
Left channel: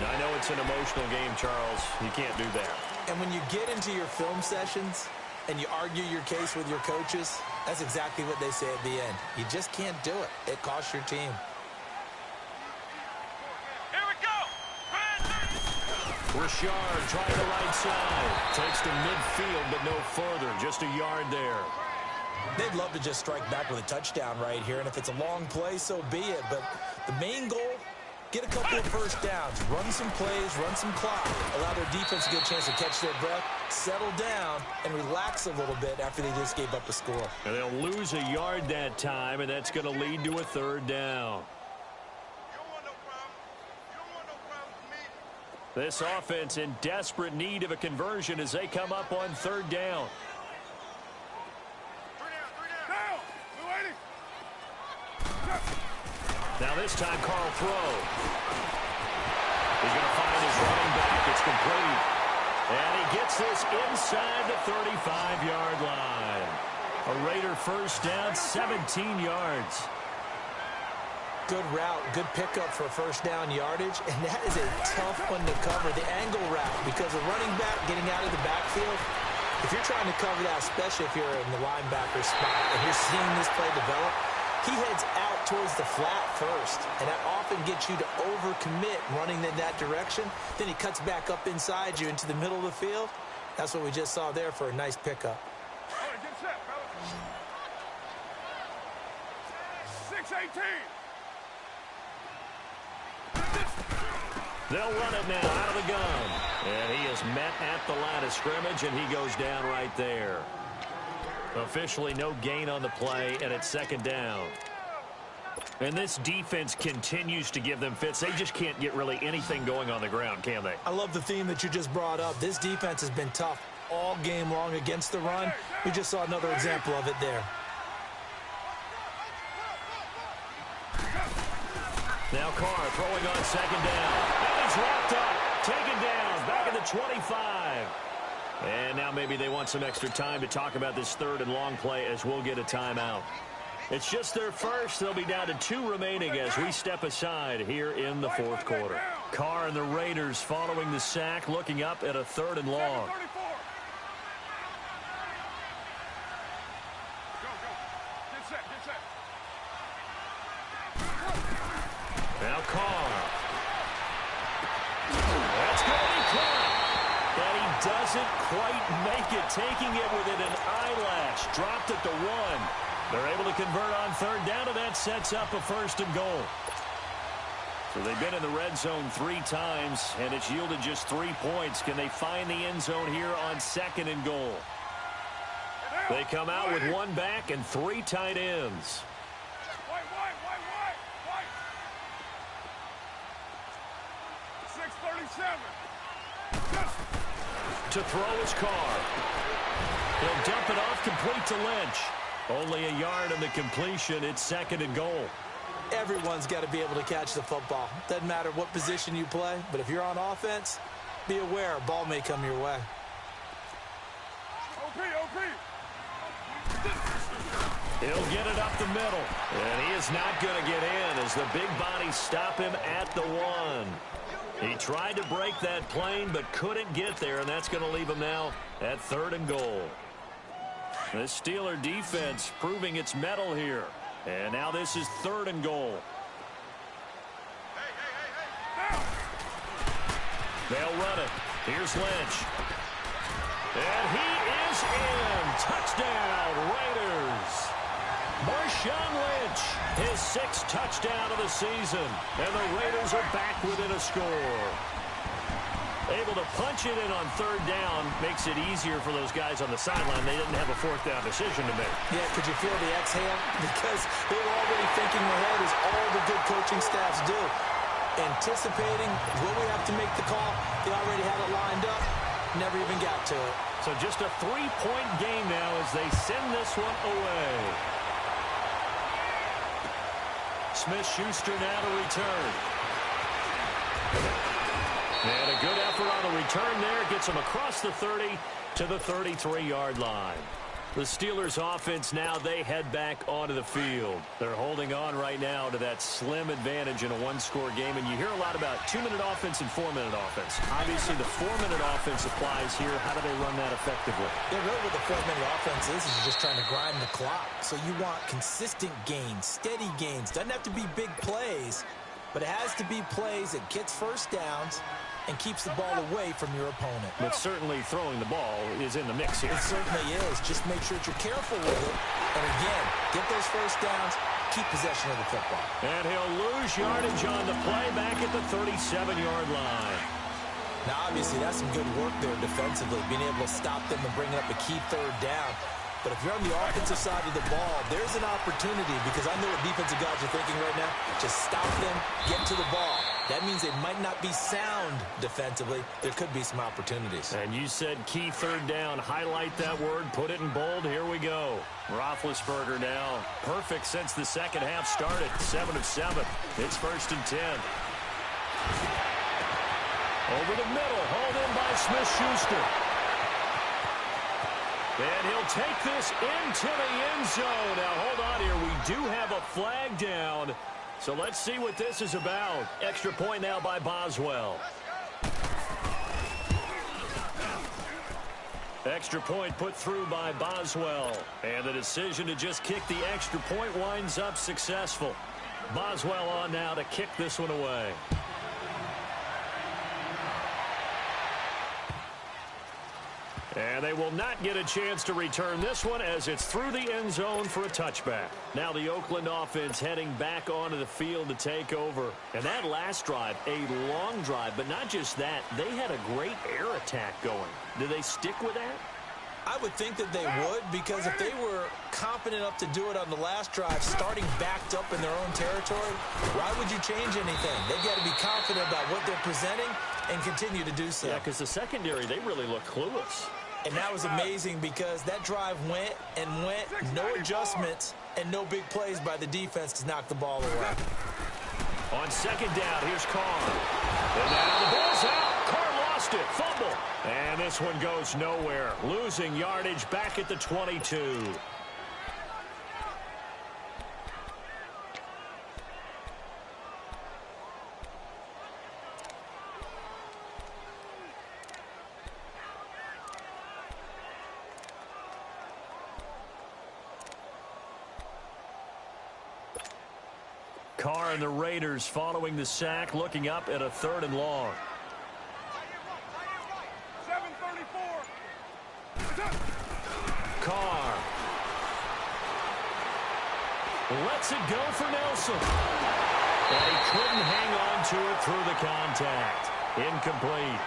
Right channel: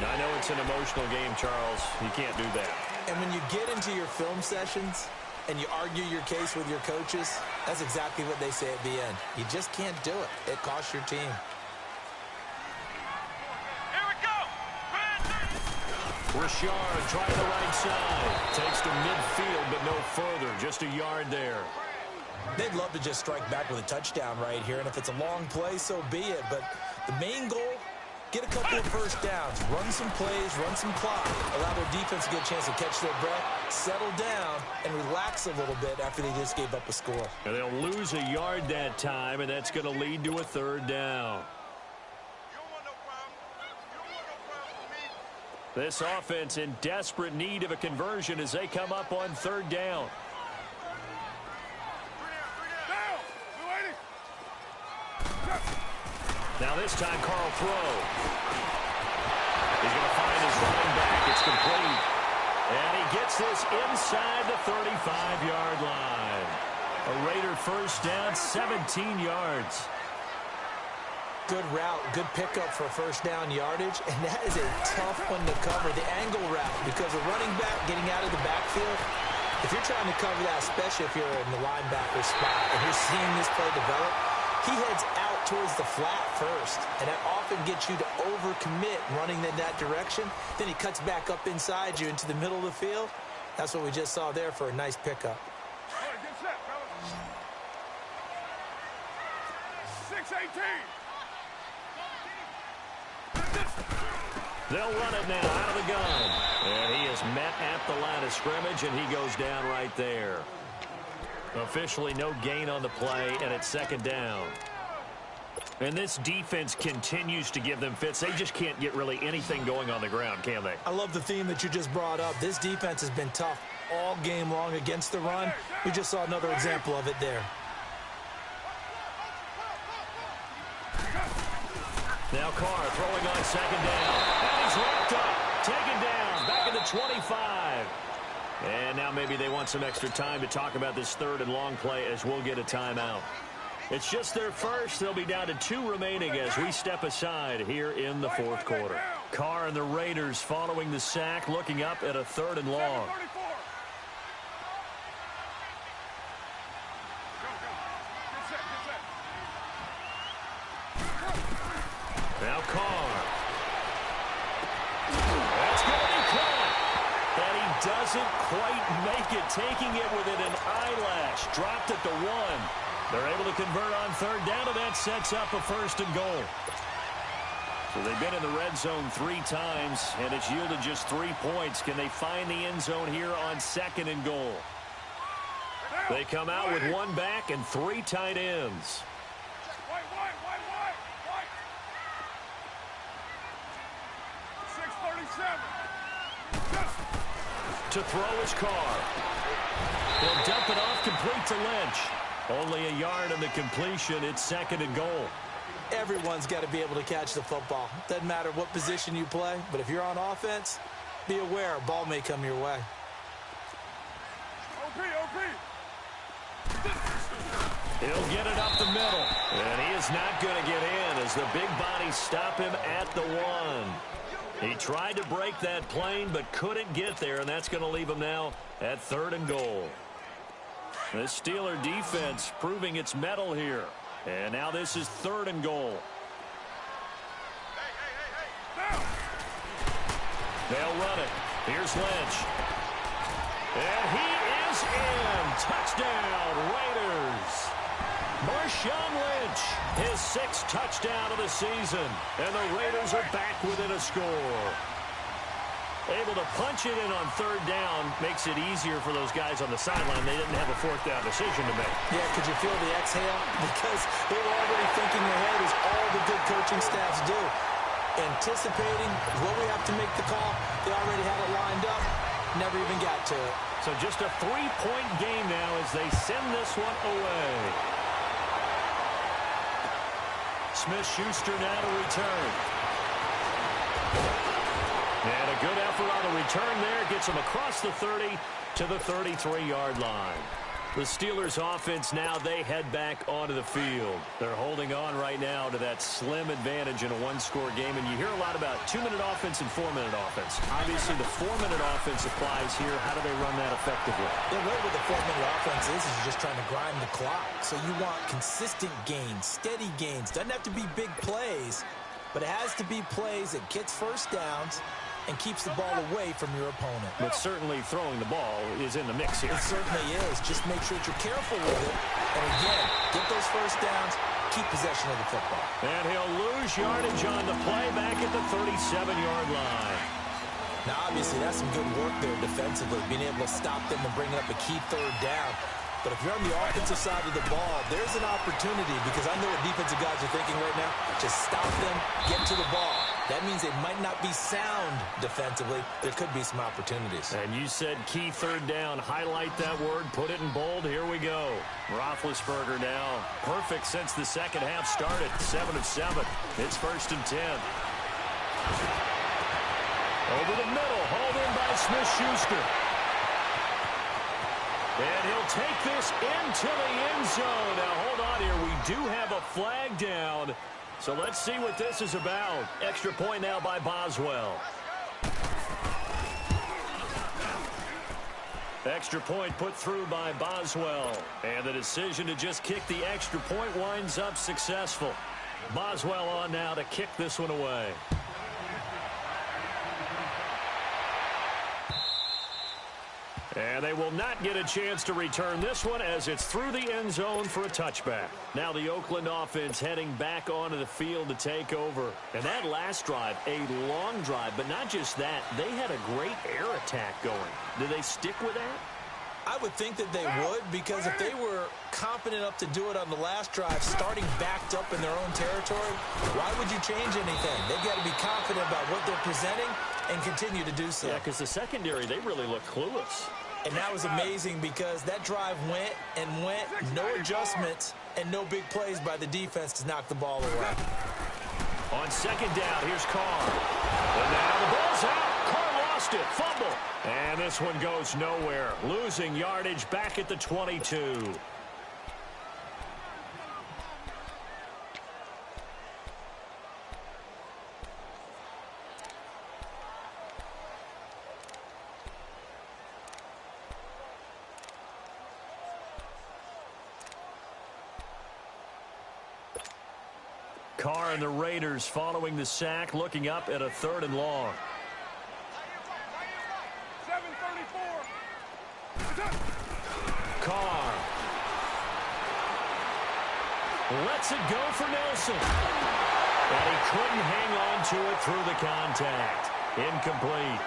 Now, I know it's an emotional game, Charles. You can't do that. And when you get into your film sessions and you argue your case with your coaches, that's exactly what they say at the end. You just can't do it. It costs your team. Here we go. Richard trying the right side. Takes to midfield, but no further. Just a yard there. They'd love to just strike back with a touchdown right here, and if it's a long play, so be it. But the main goal, get a couple of first downs, run some plays, run some clock, allow their defense a good chance to catch their breath, settle down, and relax a little bit after they just gave up a score. And they'll lose a yard that time, and that's going to lead to a 3rd down. You don't want no problem. You don't want no problem with me. This offense in desperate need of a conversion as they come up on 3rd down. 3 down. Down. We're waiting. Now this time, Carl Throw. He's going to find his running back. It's complete. And he gets this inside the 35-yard line. A Raider first down, 17 yards. Good route, good pickup for first down yardage, and that is a tough one to cover, the angle route, because a running back getting out of the backfield, if you're trying to cover that, especially if you're in the linebacker spot and you're seeing this play develop, he heads out towards the flat first, and that often gets you to overcommit running in that direction. Then he cuts back up inside you into the middle of the field. That's what we just saw there for a nice pickup. All right, get set, fellas. 6-18. They'll run it now out of the gun. And he is met at the line of scrimmage, and he goes down right there. Officially no gain on the play, and it's second down. And this defense continues to give them fits. They just can't get really anything going on the ground, can they? I love the theme that you just brought up. This defense has been tough all game long against the run. We just saw another example of it there. Now Carr throwing on second down. And he's wrapped up. Taken down. Back at the 25. And now maybe they want some extra time to talk about this third and long play as we'll get a timeout. It's just their first. They'll be down to 2 remaining as we step aside here in the fourth quarter. Carr and the Raiders following the sack, looking up at a third and long. Now Carr. That's going to be caught. And he doesn't quite make it, taking it within an eyelash. Dropped at the 1. They're able to convert on third down, and that sets up a first and goal. So they've been in the red zone 3 times, and it's yielded just 3 points. Can they find the end zone here on second and goal? They come out with 1 back and 3 tight ends. White. 6:37. To throw his Carr. He'll dump it off complete to Lynch. Only a yard on the completion. It's second and goal. Everyone's got to be able to catch the football. Doesn't matter what position you play, but if you're on offense, be aware a ball may come your way. OP. He'll get it up the middle. And he is not going to get in as the big bodies stop him at the 1. He tried to break that plane but couldn't get there, and that's going to leave him now at third and goal. The Steeler defense proving its mettle here. And now this is third and goal. They'll run it. Here's Lynch. And he is in. Touchdown, Raiders. Marshawn Lynch, his 6th touchdown of the season. And the Raiders are back within a score. Able to punch it in on third down makes it easier for those guys on the sideline. They didn't have a 4th down decision to make. Yeah, could you feel the exhale? Because they were already thinking ahead, as all the good coaching staffs do. Anticipating, will we have to make the call? They already had it lined up. Never even got to it. So just a 3-point game now as they send this one away. Smith-Schuster now to return. And a good effort on the return there. Gets him across the 30 to the 33-yard line. The Steelers offense now, they head back onto the field. They're holding on right now to that slim advantage in a 1-score game. And you hear a lot about 2-minute offense and 4-minute offense. Obviously, the 4-minute offense applies here. How do they run that effectively? Yeah, really what the 4-minute offense is just trying to grind the clock. So you want consistent gains, steady gains. Doesn't have to be big plays, but it has to be plays that gets first downs and keeps the ball away from your opponent. But certainly throwing the ball is in the mix here. It certainly is. Just make sure that you're careful with it. And again, get those first downs, keep possession of the football. And he'll lose yardage on the play back at the 37-yard line. Now, obviously, that's some good work there defensively, being able to stop them and bringing up a key third down. But if you're on the offensive side of the ball, there's an opportunity, because I know what defensive guys are thinking right now. Just stop them, get to the ball. That means they might not be sound defensively. There could be some opportunities. And you said key third down. Highlight that word. Put it in bold. Here we go. Roethlisberger now. Perfect since the second half started. 7 of 7. It's 1st and 10. Over the middle. Hauled in by Smith-Schuster. And he'll take this into the end zone. Now, hold on here. We do have a flag down. So let's see what this is about. Extra point now by Boswell. Extra point put through by Boswell. And the decision to just kick the extra point winds up successful. Boswell on now to kick this one away. And they will not get a chance to return this one as it's through the end zone for a touchback. Now the Oakland offense heading back onto the field to take over. And that last drive, a long drive, but not just that, they had a great air attack going. Do they stick with that? I would think that they would, because if they were confident enough to do it on the last drive, starting backed up in their own territory, why would you change anything? They've got to be confident about what they're presenting and continue to do so. Yeah, because the secondary, they really look clueless. And that was amazing because that drive went and went, no adjustments and no big plays by the defense to knock the ball away. On second down, here's Carr. And now the ball's out. Carr lost it. Fumble. And this one goes nowhere. Losing yardage back at the 22. Carr and the Raiders following the sack, looking up at a 3rd and long. 7:34. Carr lets it go for Nelson. And he couldn't hang on to it through the contact. Incomplete.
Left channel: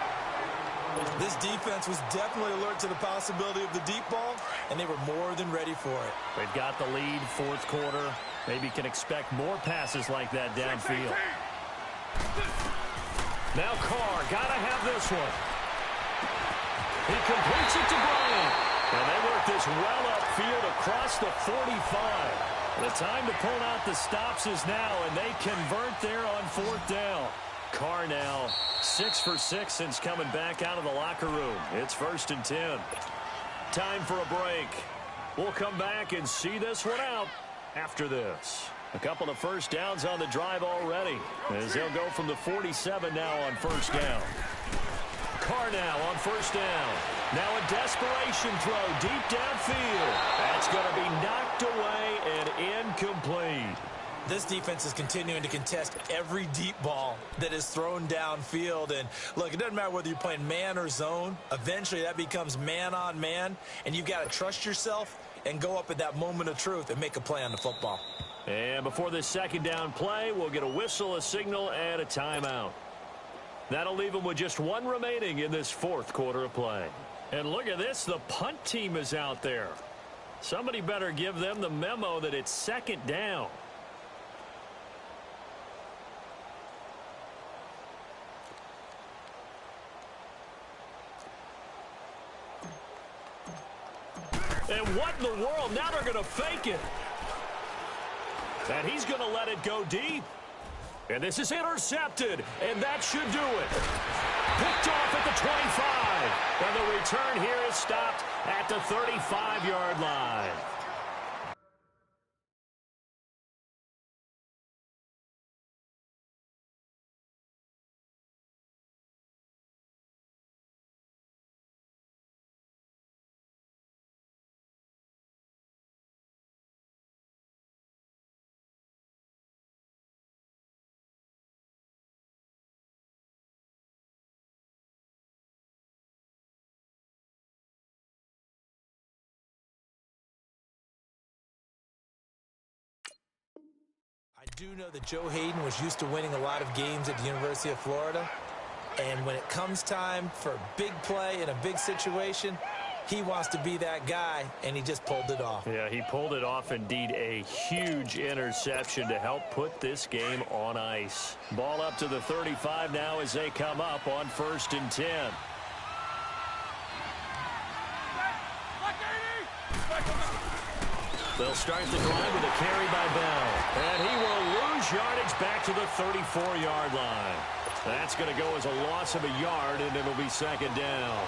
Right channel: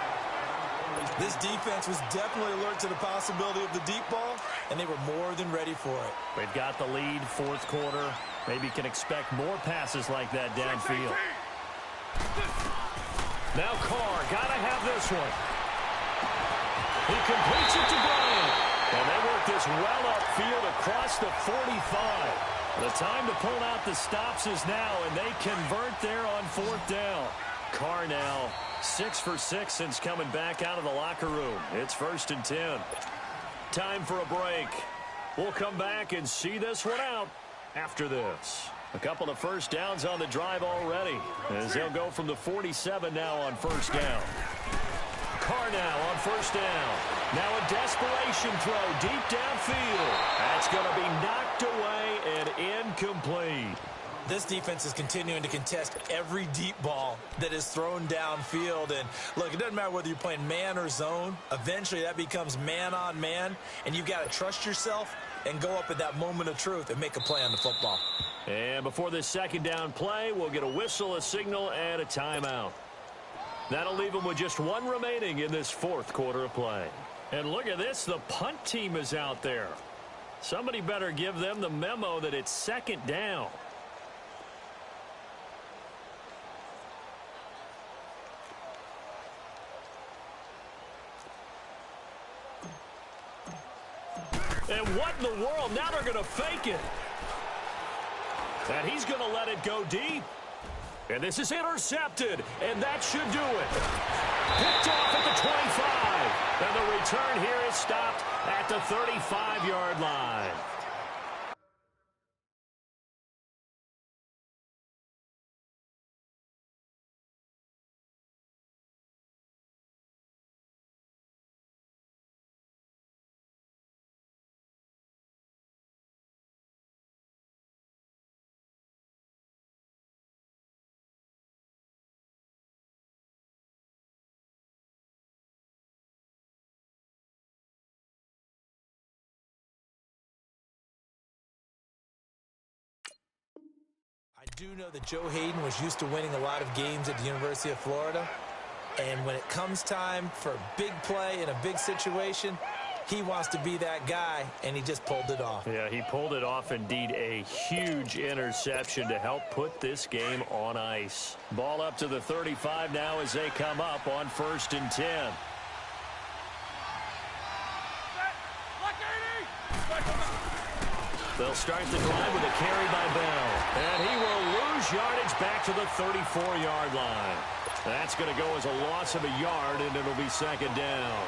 This defense was definitely alert to the possibility of the deep ball, and they were more than ready for it. They've got the lead, 4th quarter. Maybe can expect more passes like that downfield. Now Carr, got to have this one. He completes it to Bryant. And they work this well upfield across the 45. The time to pull out the stops is now, and they convert there on 4th down. Carr now 6 for 6 since coming back out of the locker room. It's 1st and 10. Time for a break. We'll come back and see this one out after this. A couple of first downs on the drive already, as they'll go from the 47 now on 1st down. Carr now on 1st down. Now a desperation throw deep downfield. That's going to be knocked away and incomplete. This defense is continuing to contest every deep ball that is thrown downfield. And, look, it doesn't matter whether you're playing man or zone. Eventually that becomes man on man, and you've got to trust yourself and go up at that moment of truth and make a play on the football. And before this 2nd down play, we'll get a whistle, a signal, and a timeout. That'll leave them with just 1 remaining in this 4th quarter of play. And look at this, the punt team is out there. Somebody better give them the memo that it's 2nd down. And what in the world? Now they're going to fake it. And he's going to let it go deep. And this is intercepted. And that should do it. Picked off at the 25. And the return here is stopped at the 35-yard line. I do know that Joe Hayden was used to winning a lot of games at the University of Florida. And when it comes time for a big play in a big situation, he wants to be that guy, and he just pulled it off. Yeah, he pulled it off. Indeed, a huge interception to help put this game on ice. Ball up to the 35 now as they come up on 1st and 10. They'll start the drive with a carry by Bell. And he will lose yardage back to the 34-yard line. That's going to go as a loss of a yard, and it'll be 2nd down.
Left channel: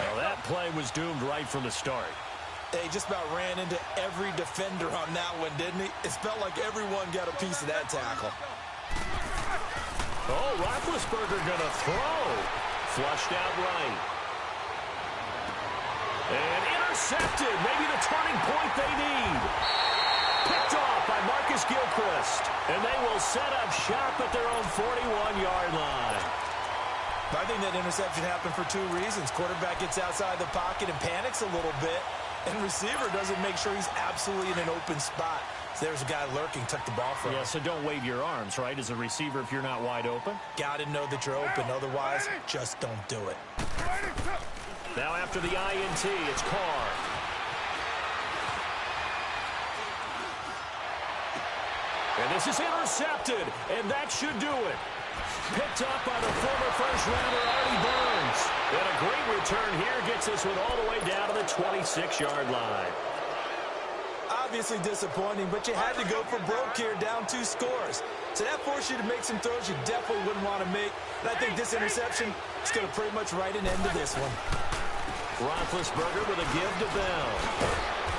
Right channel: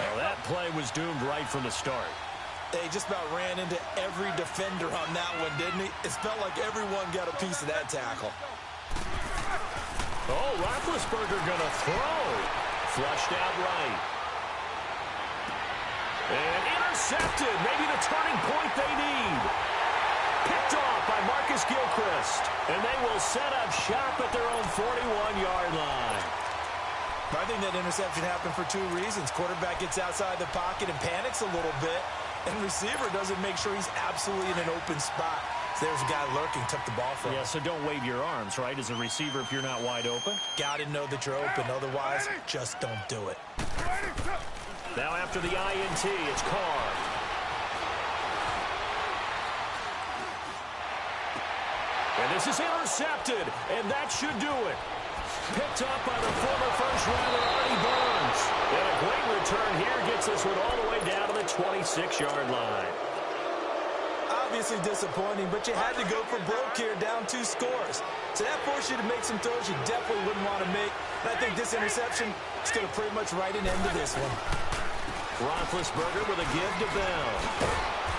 Well, that play was doomed right from the start. They just about ran into every defender on that one, didn't he? It felt like everyone got a piece of that tackle. Oh, Roethlisberger going to throw. Flushed out right. And intercepted. Maybe the turning point they need. Picked off by Marcus Gilchrist. And they will set up shop at their own 41-yard line. I think that interception happened for two reasons. Quarterback gets outside the pocket and panics a little bit, and receiver doesn't make sure he's absolutely in an open spot. So there's a guy lurking, took the ball from him. Yeah, so don't wave your arms, right, as a receiver if you're not wide open. Got to know that you're open. Otherwise, just don't do it. Now after the INT, it's Carr. And this is intercepted, and that should do it. Picked up by the former first-rounder Artie Burns. And a great return here gets this one all the way down to the 26-yard line. Obviously disappointing, but you had to go for broke here, down 2 scores. So that forced you to make some throws you definitely wouldn't want to make. And I think this interception is going to pretty much write an end to this one. Roethlisberger with a give to Bell.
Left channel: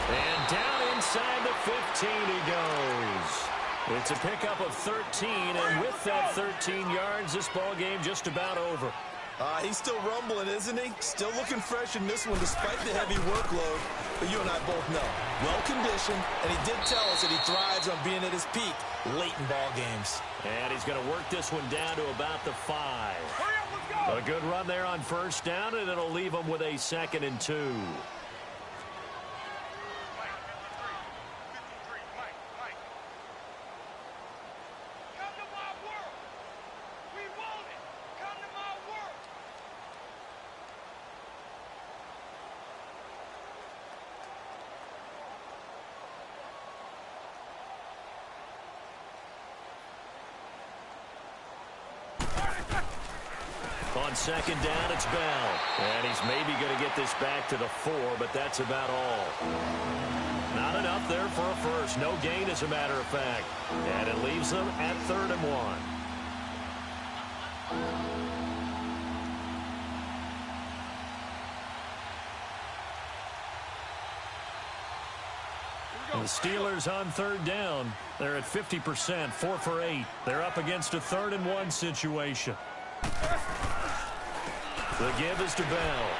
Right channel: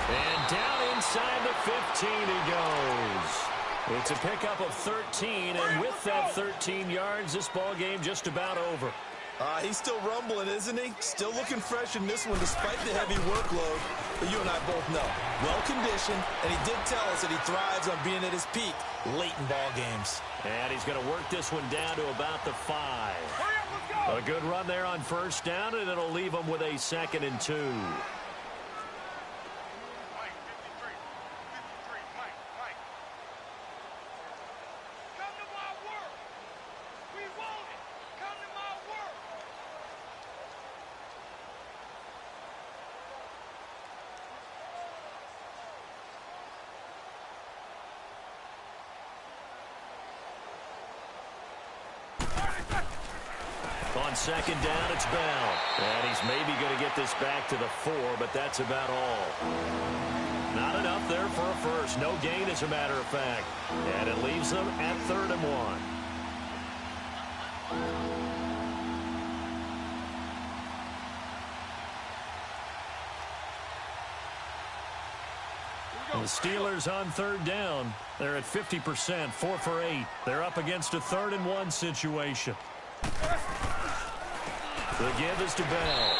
And down inside the 15 he goes. It's a pickup of 13, and with that 13 yards, this ball game just about over. He's still rumbling, isn't he? Still looking fresh in this one despite the heavy workload. But you and I both know, well-conditioned, and he did tell us that he thrives on being at his peak late in ball games. And he's going to work this one down to about the 5. Hurry up, let's go. A good run there on first down, and it'll leave him with a 2nd and 2. On 2nd down, it's Bell. And he's maybe going to get this back to the 4, but that's about all. Not enough there for a first. No gain, as a matter of fact. And it leaves them at 3rd and 1. The Steelers on 3rd down. They're at 50%, 4 for 8. They're up against a 3rd and 1 situation. The give is to Bell.